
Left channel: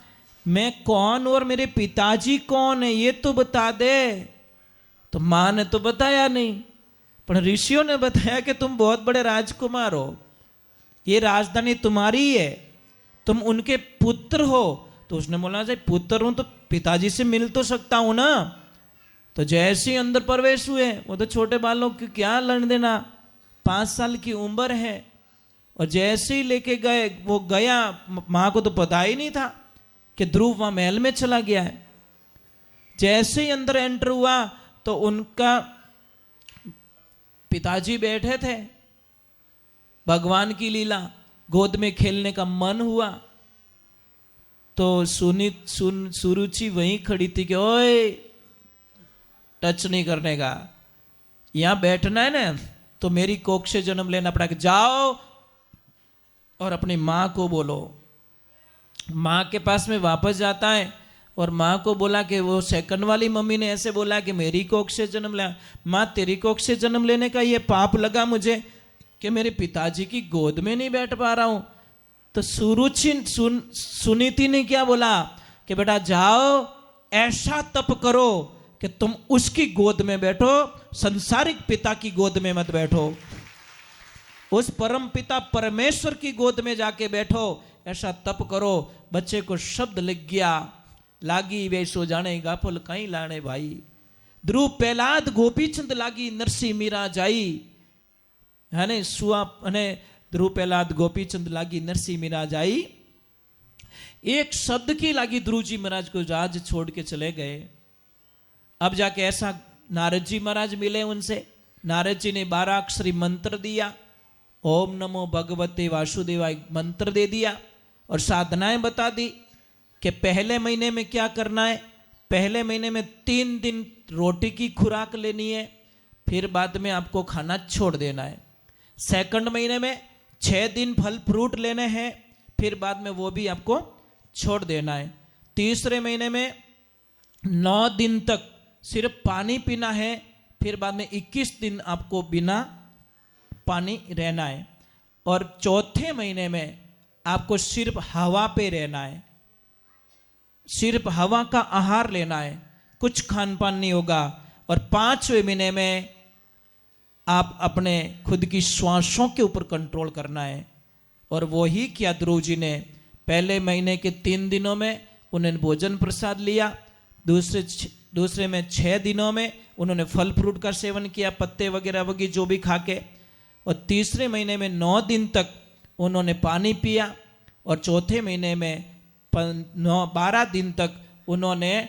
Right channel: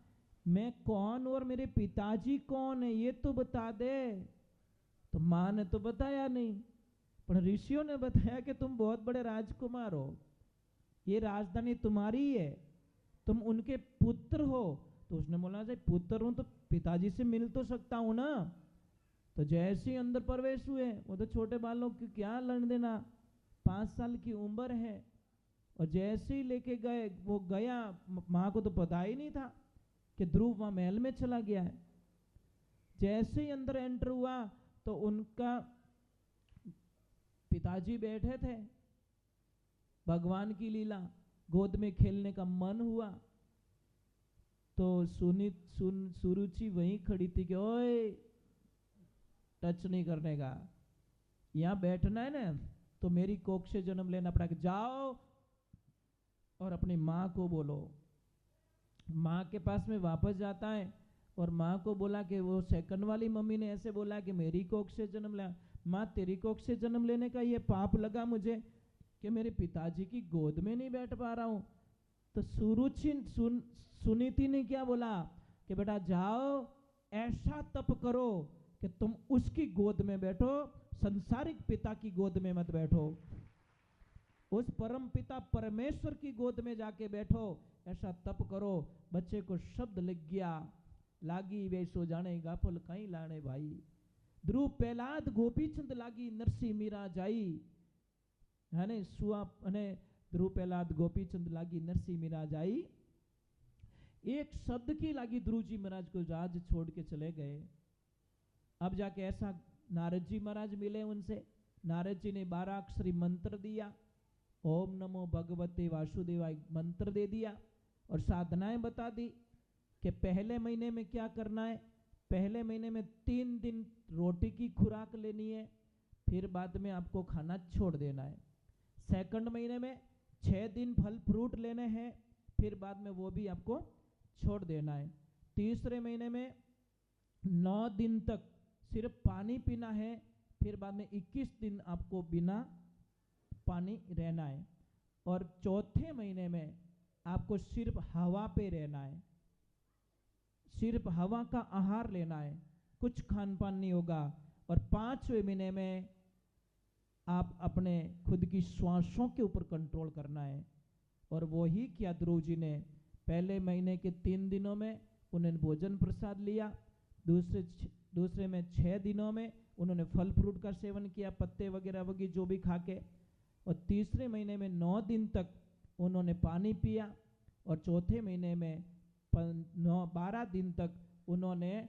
मैं कौन और मेरे पिताजी कौन है, ये तो बता दे। तो माँ ने तो बताया नहीं, पर ऋषियों ने बताया कि तुम बहुत बड़े राजकुमार हो, ये राजधानी तुम्हारी है, तुम उनके पुत्र हो। तो उसने बोला, जब पुत्र हूं तो पिताजी से मिल तो सकता हूं ना। तो जैसे ही अंदर प्रवेश हुए, वो तो छोटे बालों की क्या लड़ देना, 5 साल की उम्र है। और जैसे ही लेके गए, वो गया, माँ को तो पता ही नहीं था कि ध्रुव वहां महल में चला गया है। जैसे ही अंदर एंटर हुआ तो उनका पिताजी बैठे थे। भगवान की लीला, गोद में खेलने का मन हुआ तो सुरुचि वहीं खड़ी थी कि ओए, टच नहीं करने का, यहां बैठना है ना तो मेरी कोख से जन्म लेना पड़ा। जाओ और अपनी माँ को बोलो। माँ के पास में वापस जाता है और माँ को बोला कि वो सेकंड वाली मम्मी ने ऐसे बोला कि मेरी कोख से जन्म लिया। माँ, तेरी कोख से जन्म लेने का ये पाप लगा मुझे कि मेरे पिताजी की गोद में नहीं बैठ पा रहा हूं। तो सुनीति ने क्या बोला कि बेटा जाओ, ऐसा तप करो कि तुम उसकी गोद में बैठो, संसारिक पिता की गोद में मत बैठो, उस परम पिता परमेश्वर की गोद में जाके बैठो, ऐसा तप करो। बच्चे को शब्द लग गया, लागी वे सो जाने गाफल कहीं लाने भाई, ध्रुव प्रहलाद गोपीचंद लागी नरसी मीरा जाई, है ने सुआ ने ध्रुव प्रहलाद गोपीचंद लागी नरसी मीरा जाई। एक शब्द की लागी ध्रुव जी महाराज को राज छोड़ के चले गए। अब जाके ऐसा नारद जी महाराज मिले उनसे। नारद जी ने 12 अक्षरी मंत्र दिया, ओम नमो भगवते वासुदेवाय मंत्र दे दिया और साधनाएं बता दी कि पहले महीने में क्या करना है। पहले महीने में 3 दिन रोटी की खुराक लेनी है, फिर बाद में आपको खाना छोड़ देना है। सेकंड महीने में 6 दिन फल फ्रूट लेने हैं, फिर बाद में वो भी आपको छोड़ देना है। तीसरे महीने में 9 दिन तक सिर्फ पानी पीना है, फिर बाद में 21 दिन आपको बिना पानी रहना है। और चौथे महीने में आपको सिर्फ हवा पे रहना है, सिर्फ हवा का आहार लेना है, कुछ खान पान नहीं होगा। और 5वें महीने में आप अपने खुद की श्वासों के ऊपर कंट्रोल करना है। और वही किया ध्रुव जी ने। पहले महीने के 3 दिनों में उन्होंने भोजन प्रसाद लिया, दूसरे में 6 दिनों में उन्होंने फल फ्रूट का सेवन किया, पत्ते वगैरह वगैरह जो भी खा के, और तीसरे महीने में 9 दिन तक उन्होंने पानी पिया, और चौथे महीने में 12 दिन तक उन्होंने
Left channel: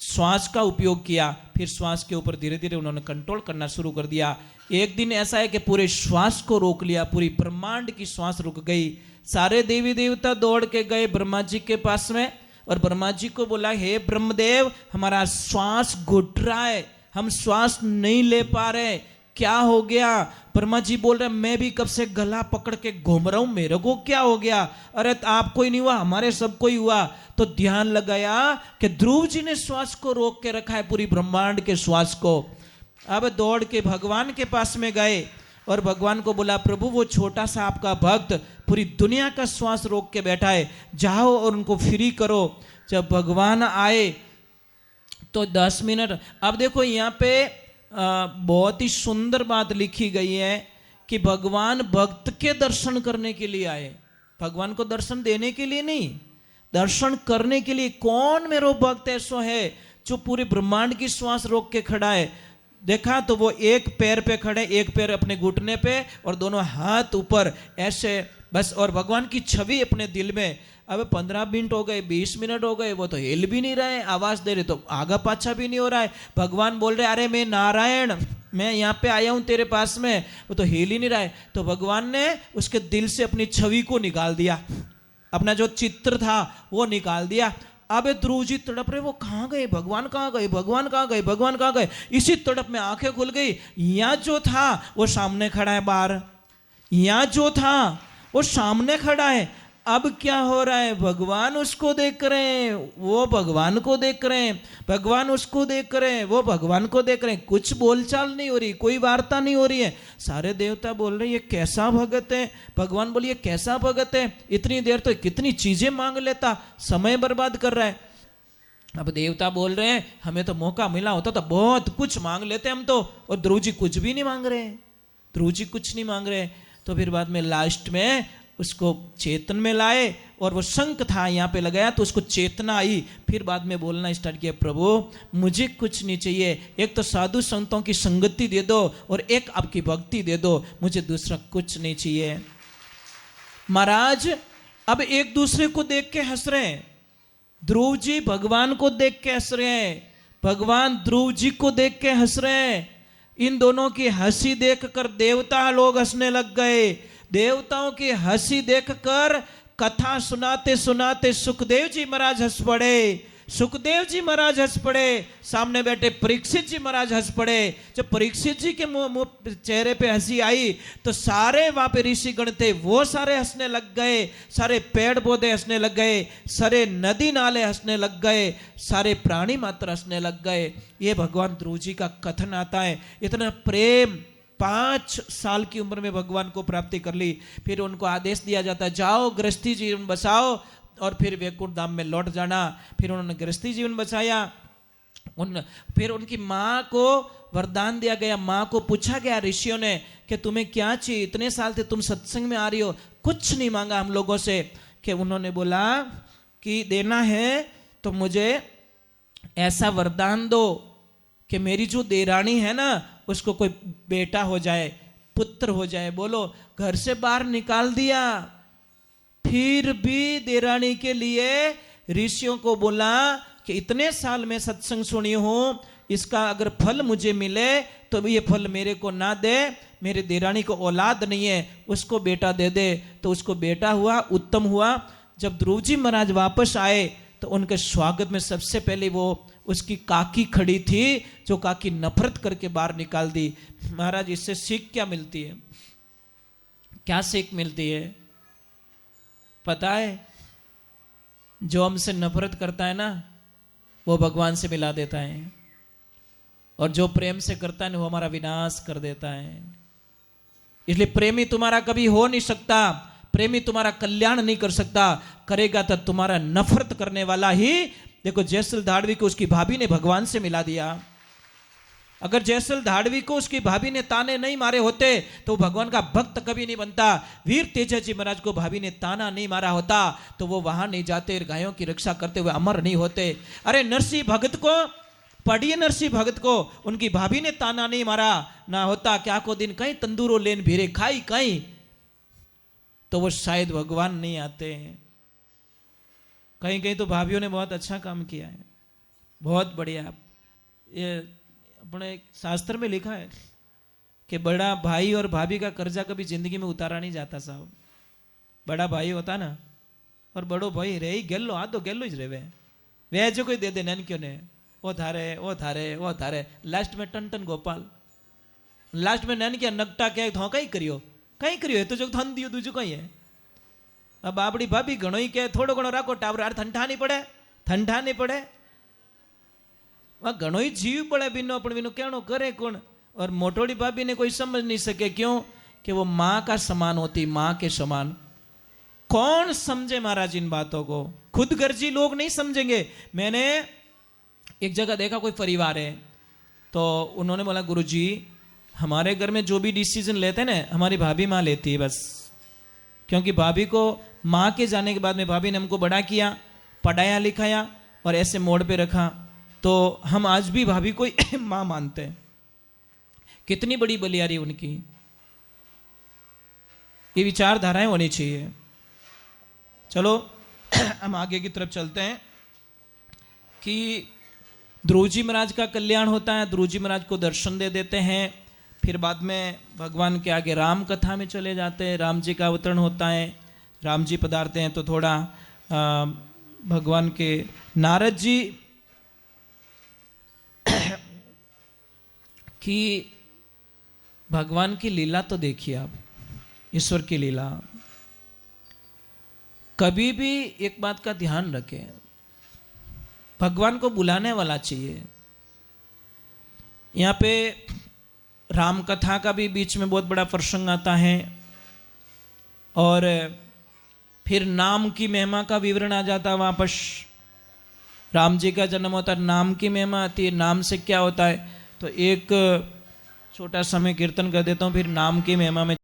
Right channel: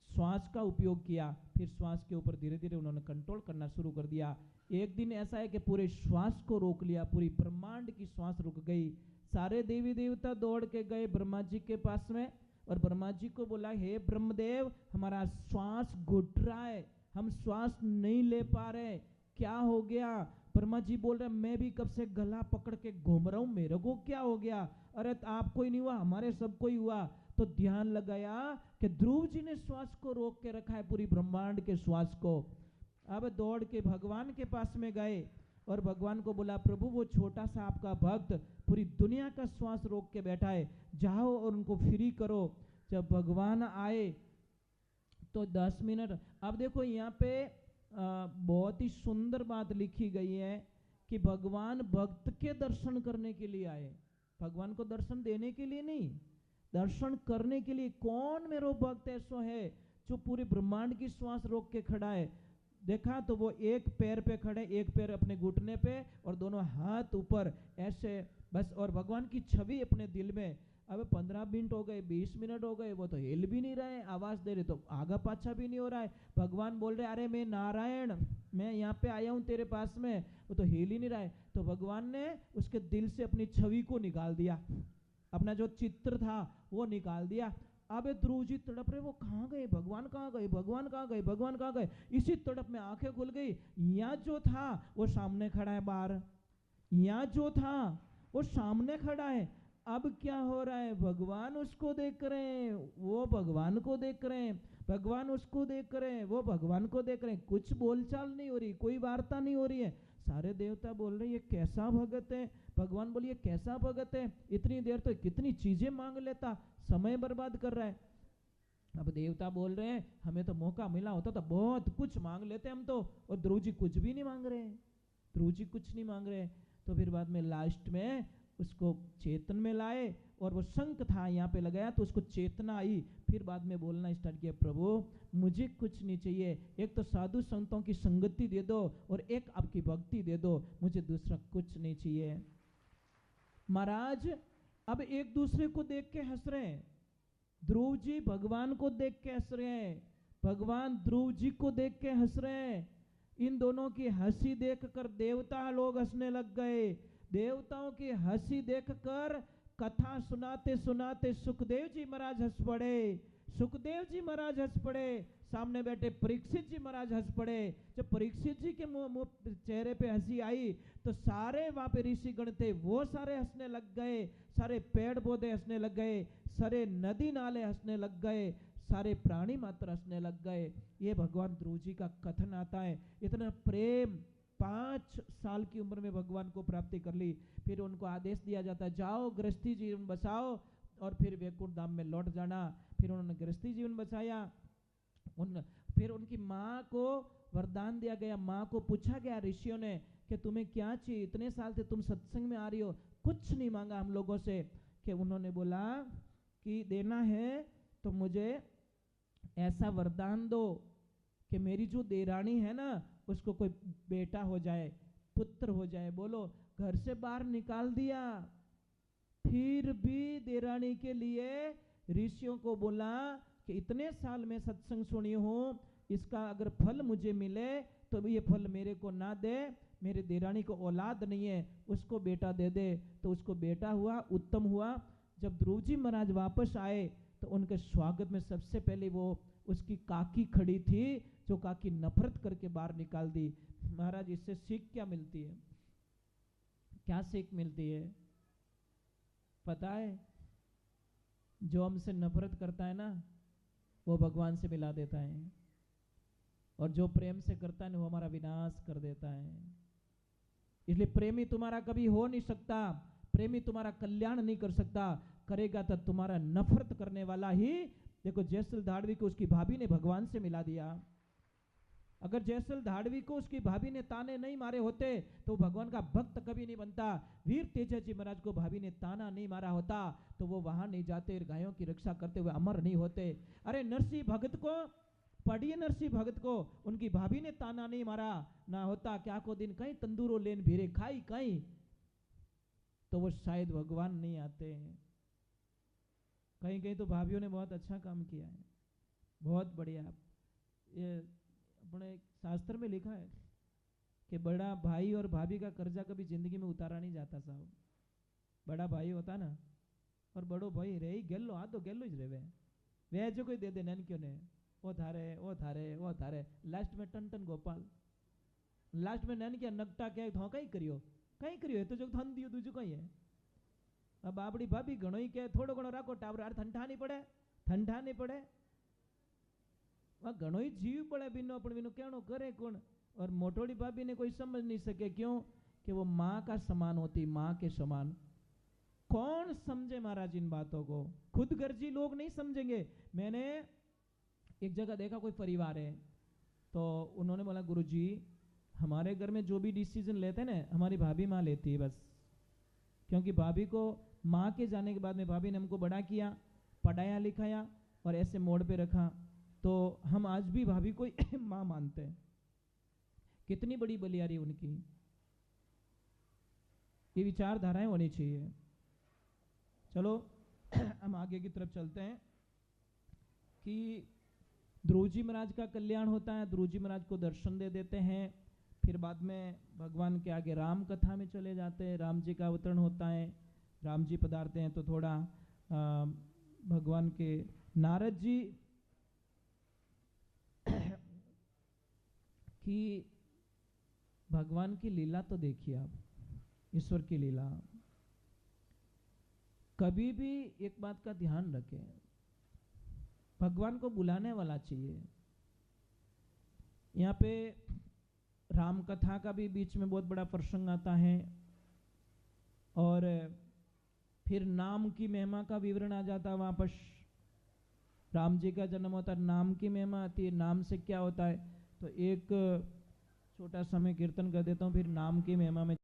श्वास का उपयोग किया। फिर श्वास के ऊपर धीरे धीरे उन्होंने कंट्रोल करना शुरू कर दिया। एक दिन ऐसा है कि पूरे श्वास को रोक लिया, पूरी ब्रह्मांड की श्वास रुक गई। सारे देवी देवता दौड़ के गए ब्रह्मा जी के पास में और ब्रह्मा जी को बोला, हे ब्रह्मदेव, हमारा श्वास घुट रहा है, हम श्वास नहीं ले पा रहे, क्या हो गया? ब्रह्मा जी बोल रहे, मैं भी कब से गला पकड़ के घूम रहा हूं, मेरे को क्या हो गया? अरे आपको ही नहीं हुआ, हमारे सबको ही हुआ। तो ध्यान लगाया कि ध्रुव जी ने श्वास को रोक के रखा है, पूरी ब्रह्मांड के श्वास को। अब दौड़ के भगवान के पास में गए और भगवान को बोला, प्रभु वो छोटा सा आपका भक्त पूरी दुनिया का श्वास रोक के बैठा है, जाओ और उनको फ्री करो। जब भगवान आए तो 10 मिनट। अब देखो यहाँ पे बहुत ही सुंदर बात लिखी गई है कि भगवान भक्त के दर्शन करने के लिए आए, भगवान को दर्शन देने के लिए नहीं, दर्शन करने के लिए। कौन मेरो भक्त ऐसा है जो पूरे ब्रह्मांड की श्वास रोक के खड़ा है? देखा तो वो एक पैर पे खड़े, एक पैर अपने घुटने पे और दोनों हाथ ऊपर ऐसे बस, और भगवान की छवि अपने दिल में। अब 15 मिनट हो गए, 20 मिनट हो गए, वो तो हिल भी नहीं रहे, आवाज दे रहे तो आगा पाछा भी नहीं हो रहा है। भगवान बोल रहे, अरे मैं नारायण, मैं यहाँ पे आया हूँ तेरे पास में, वो तो हिल ही नहीं रहा है। तो भगवान ने उसके दिल से अपनी छवि को निकाल दिया, अपना जो चित्र था वो निकाल दिया। अब ध्रुव जी तड़प रहे, वो कहाँ गए, भगवान कहाँ गए, भगवान कहाँ गए, भगवान कहाँ गए? इसी तड़प में आंखें खुल गई, यहाँ जो था वो सामने खड़ा है बाहर। यहाँ जो था वो सामने खड़ा है, अब क्या हो रहा है, भगवान उसको देख रहे हैं, वो भगवान को देख रहे हैं, भगवान उसको देख रहे हैं, वो भगवान को देख रहे हैं, कुछ बोलचाल नहीं हो रही, कोई वार्ता नहीं हो रही है। सारे देवता बोल रहे हैं ये कैसा भगत है, भगवान बोलिए कैसा भगत है, इतनी देर तो कितनी चीजें मांग लेता, समय बर्बाद कर रहा है। अब देवता बोल रहे हैं हमें तो मौका मिला होता तो बहुत कुछ मांग लेते हम तो, और ध्रुव जी कुछ भी नहीं मांग रहे, ध्रुव जी कुछ नहीं मांग रहे। तो फिर बाद में लास्ट में उसको चेतन में लाए, और वो शंख था यहाँ पे लगाया तो उसको चेतना आई। फिर बाद में बोलना स्टार्ट किया, प्रभु मुझे कुछ नहीं चाहिए, एक तो साधु संतों की संगति दे दो और एक आपकी भक्ति दे दो, मुझे दूसरा कुछ नहीं चाहिए। महाराज अब एक दूसरे को देख के हंस रहे हैं, ध्रुव जी भगवान को देख के हंस रहे हैं, भगवान ध्रुव जी को देख के हंस रहे हैं। इन दोनों की हंसी देखकर देवता लोग हंसने लग गए। देवताओं की हंसी देखकर कथा सुनाते सुनाते सुखदेव जी महाराज हंस पड़े, सुखदेव जी महाराज हंस पड़े, सामने बैठे परीक्षित जी महाराज हंस पड़े। जब परीक्षित जी के मुंह चेहरे पे हंसी आई तो सारे वहां पे ऋषिगण थे वो सारे हंसने लग गए, सारे पेड़ पौधे हंसने लग गए, सारे नदी नाले हंसने लग गए, सारे प्राणी मात्र हंसने लग गए। ये भगवान ध्रुव जी का कथन आता है। इतना प्रेम, 5 साल की उम्र में भगवान को प्राप्ति कर ली। फिर उनको आदेश दिया जाता है जाओ गृहस्थी जीवन बसाओ और फिर वैकुंठ धाम में लौट जाना। फिर उन्होंने गृहस्थी जीवन बचाया। फिर उनकी माँ को वरदान दिया गया, माँ को पूछा गया ऋषियों ने कि तुम्हें क्या चाहिए, इतने साल से तुम सत्संग में आ रही हो, कुछ नहीं मांगा हम लोगों से। कि उन्होंने बोला कि देना है तो मुझे ऐसा वरदान दो कि मेरी जो देरानी है ना उसको कोई बेटा हो जाए, पुत्र हो जाए। बोलो, घर से बाहर निकाल दिया, फिर भी देरानी के लिए ऋषियों को बोला कि इतने साल में सत्संग सुनी हूं, इसका अगर फल मुझे मिले तो ये फल मेरे को ना दे, मेरे देरानी को औलाद नहीं है, उसको बेटा दे दे। तो उसको बेटा हुआ, उत्तम हुआ। जब ध्रुव जी महाराज वापस आए तो उनके स्वागत में सबसे पहले वो उसकी काकी खड़ी थी, जो काकी नफरत करके बाहर निकाल दी। महाराज इससे सीख क्या मिलती है, क्या सीख मिलती है पता है? जो हमसे नफरत करता है ना वो भगवान से मिला देता है, और जो प्रेम से करता है ना वो हमारा विनाश कर देता है। इसलिए प्रेमी तुम्हारा कभी हो नहीं सकता, प्रेमी तुम्हारा कल्याण नहीं कर सकता, करेगा तो तुम्हारा नफरत करने वाला ही। देखो जयसल धाड़वी को उसकी भाभी ने भगवान से मिला दिया। अगर जयसल धाड़वी को उसकी भाभी ने ताने नहीं मारे होते तो भगवान का भक्त कभी नहीं बनता। वीर तेजा जी महाराज को भाभी ने ताना नहीं मारा होता तो वो वहां नहीं जाते, गायों की रक्षा करते हुए अमर नहीं होते। अरे नरसिंह भगत को पढ़िए, नरसिंह भगत को उनकी भाभी ने ताना नहीं मारा ना होता, क्या को दिन कहीं तंदूरो लेन भीरे खाई कहीं, तो वो शायद भगवान नहीं आते। कहीं कहीं तो भाभीयों ने बहुत अच्छा काम किया है, बहुत बढ़िया। ये अपने शास्त्र में लिखा है कि बड़ा भाई और भाभी का कर्जा कभी जिंदगी में उतारा नहीं जाता साहब। बड़ा भाई होता ना और बड़ो भाई रे गेलो, आ तो गेलो ज रेवे, वे जो कोई दे दे नैन क्यों ने, ओ थारे ओ थारे ओ थारे, लास्ट में टन टन गोपाल, लास्ट में नैन क्या नगटा क्या तो कहीं करियो तो जो थन दियो दूजो कहीं है। अब आपड़ी भाभी घणो ही कहे थोड़ो घणो राखो टावर, यार ठंडा नहीं पड़े वह घणो ही जीव पड़े बिनो, पण बिनो कहनो करे कौन। और मोटोड़ी भाभी ने कोई समझ नहीं सके, क्यों कि वो माँ का समान होती, माँ के समान। कौन समझे महाराज इन बातों को, खुद गर्जी लोग नहीं समझेंगे। मैंने एक जगह देखा, कोई परिवार है तो उन्होंने बोला गुरुजी हमारे घर में जो भी डिसीजन लेते हैं ना हमारी भाभी माँ लेती है बस, क्योंकि भाभी को माँ के जाने के बाद में भाभी ने हमको बड़ा किया, पढ़ाया लिखाया और ऐसे मोड़ पे रखा, तो हम आज भी भाभी को माँ मानते हैं। कितनी बड़ी बलियारी उनकी। ये विचारधाराएं होनी चाहिए। चलो हम आगे की तरफ चलते हैं कि ध्रुव जी महाराज का कल्याण होता है, ध्रुव जी महाराज को दर्शन दे देते हैं। फिर बाद में भगवान के आगे राम कथा में चले जाते हैं, राम जी का अवतरण होता है, राम जी पधारते हैं। तो थोड़ा भगवान के नारद जी की भगवान की लीला तो देखिए आप, ईश्वर की लीला। कभी भी एक बात का ध्यान रखें, भगवान को बुलाने वाला चाहिए। यहाँ पे राम कथा का भी बीच में बहुत बड़ा प्रसंग आता है, और फिर नाम की महिमा का विवरण आ जाता है। वापस राम जी का जन्म होता है, नाम की महिमा आती है, नाम से क्या होता है। तो एक छोटा सा मैं कीर्तन कर देता हूँ, फिर नाम की महिमा में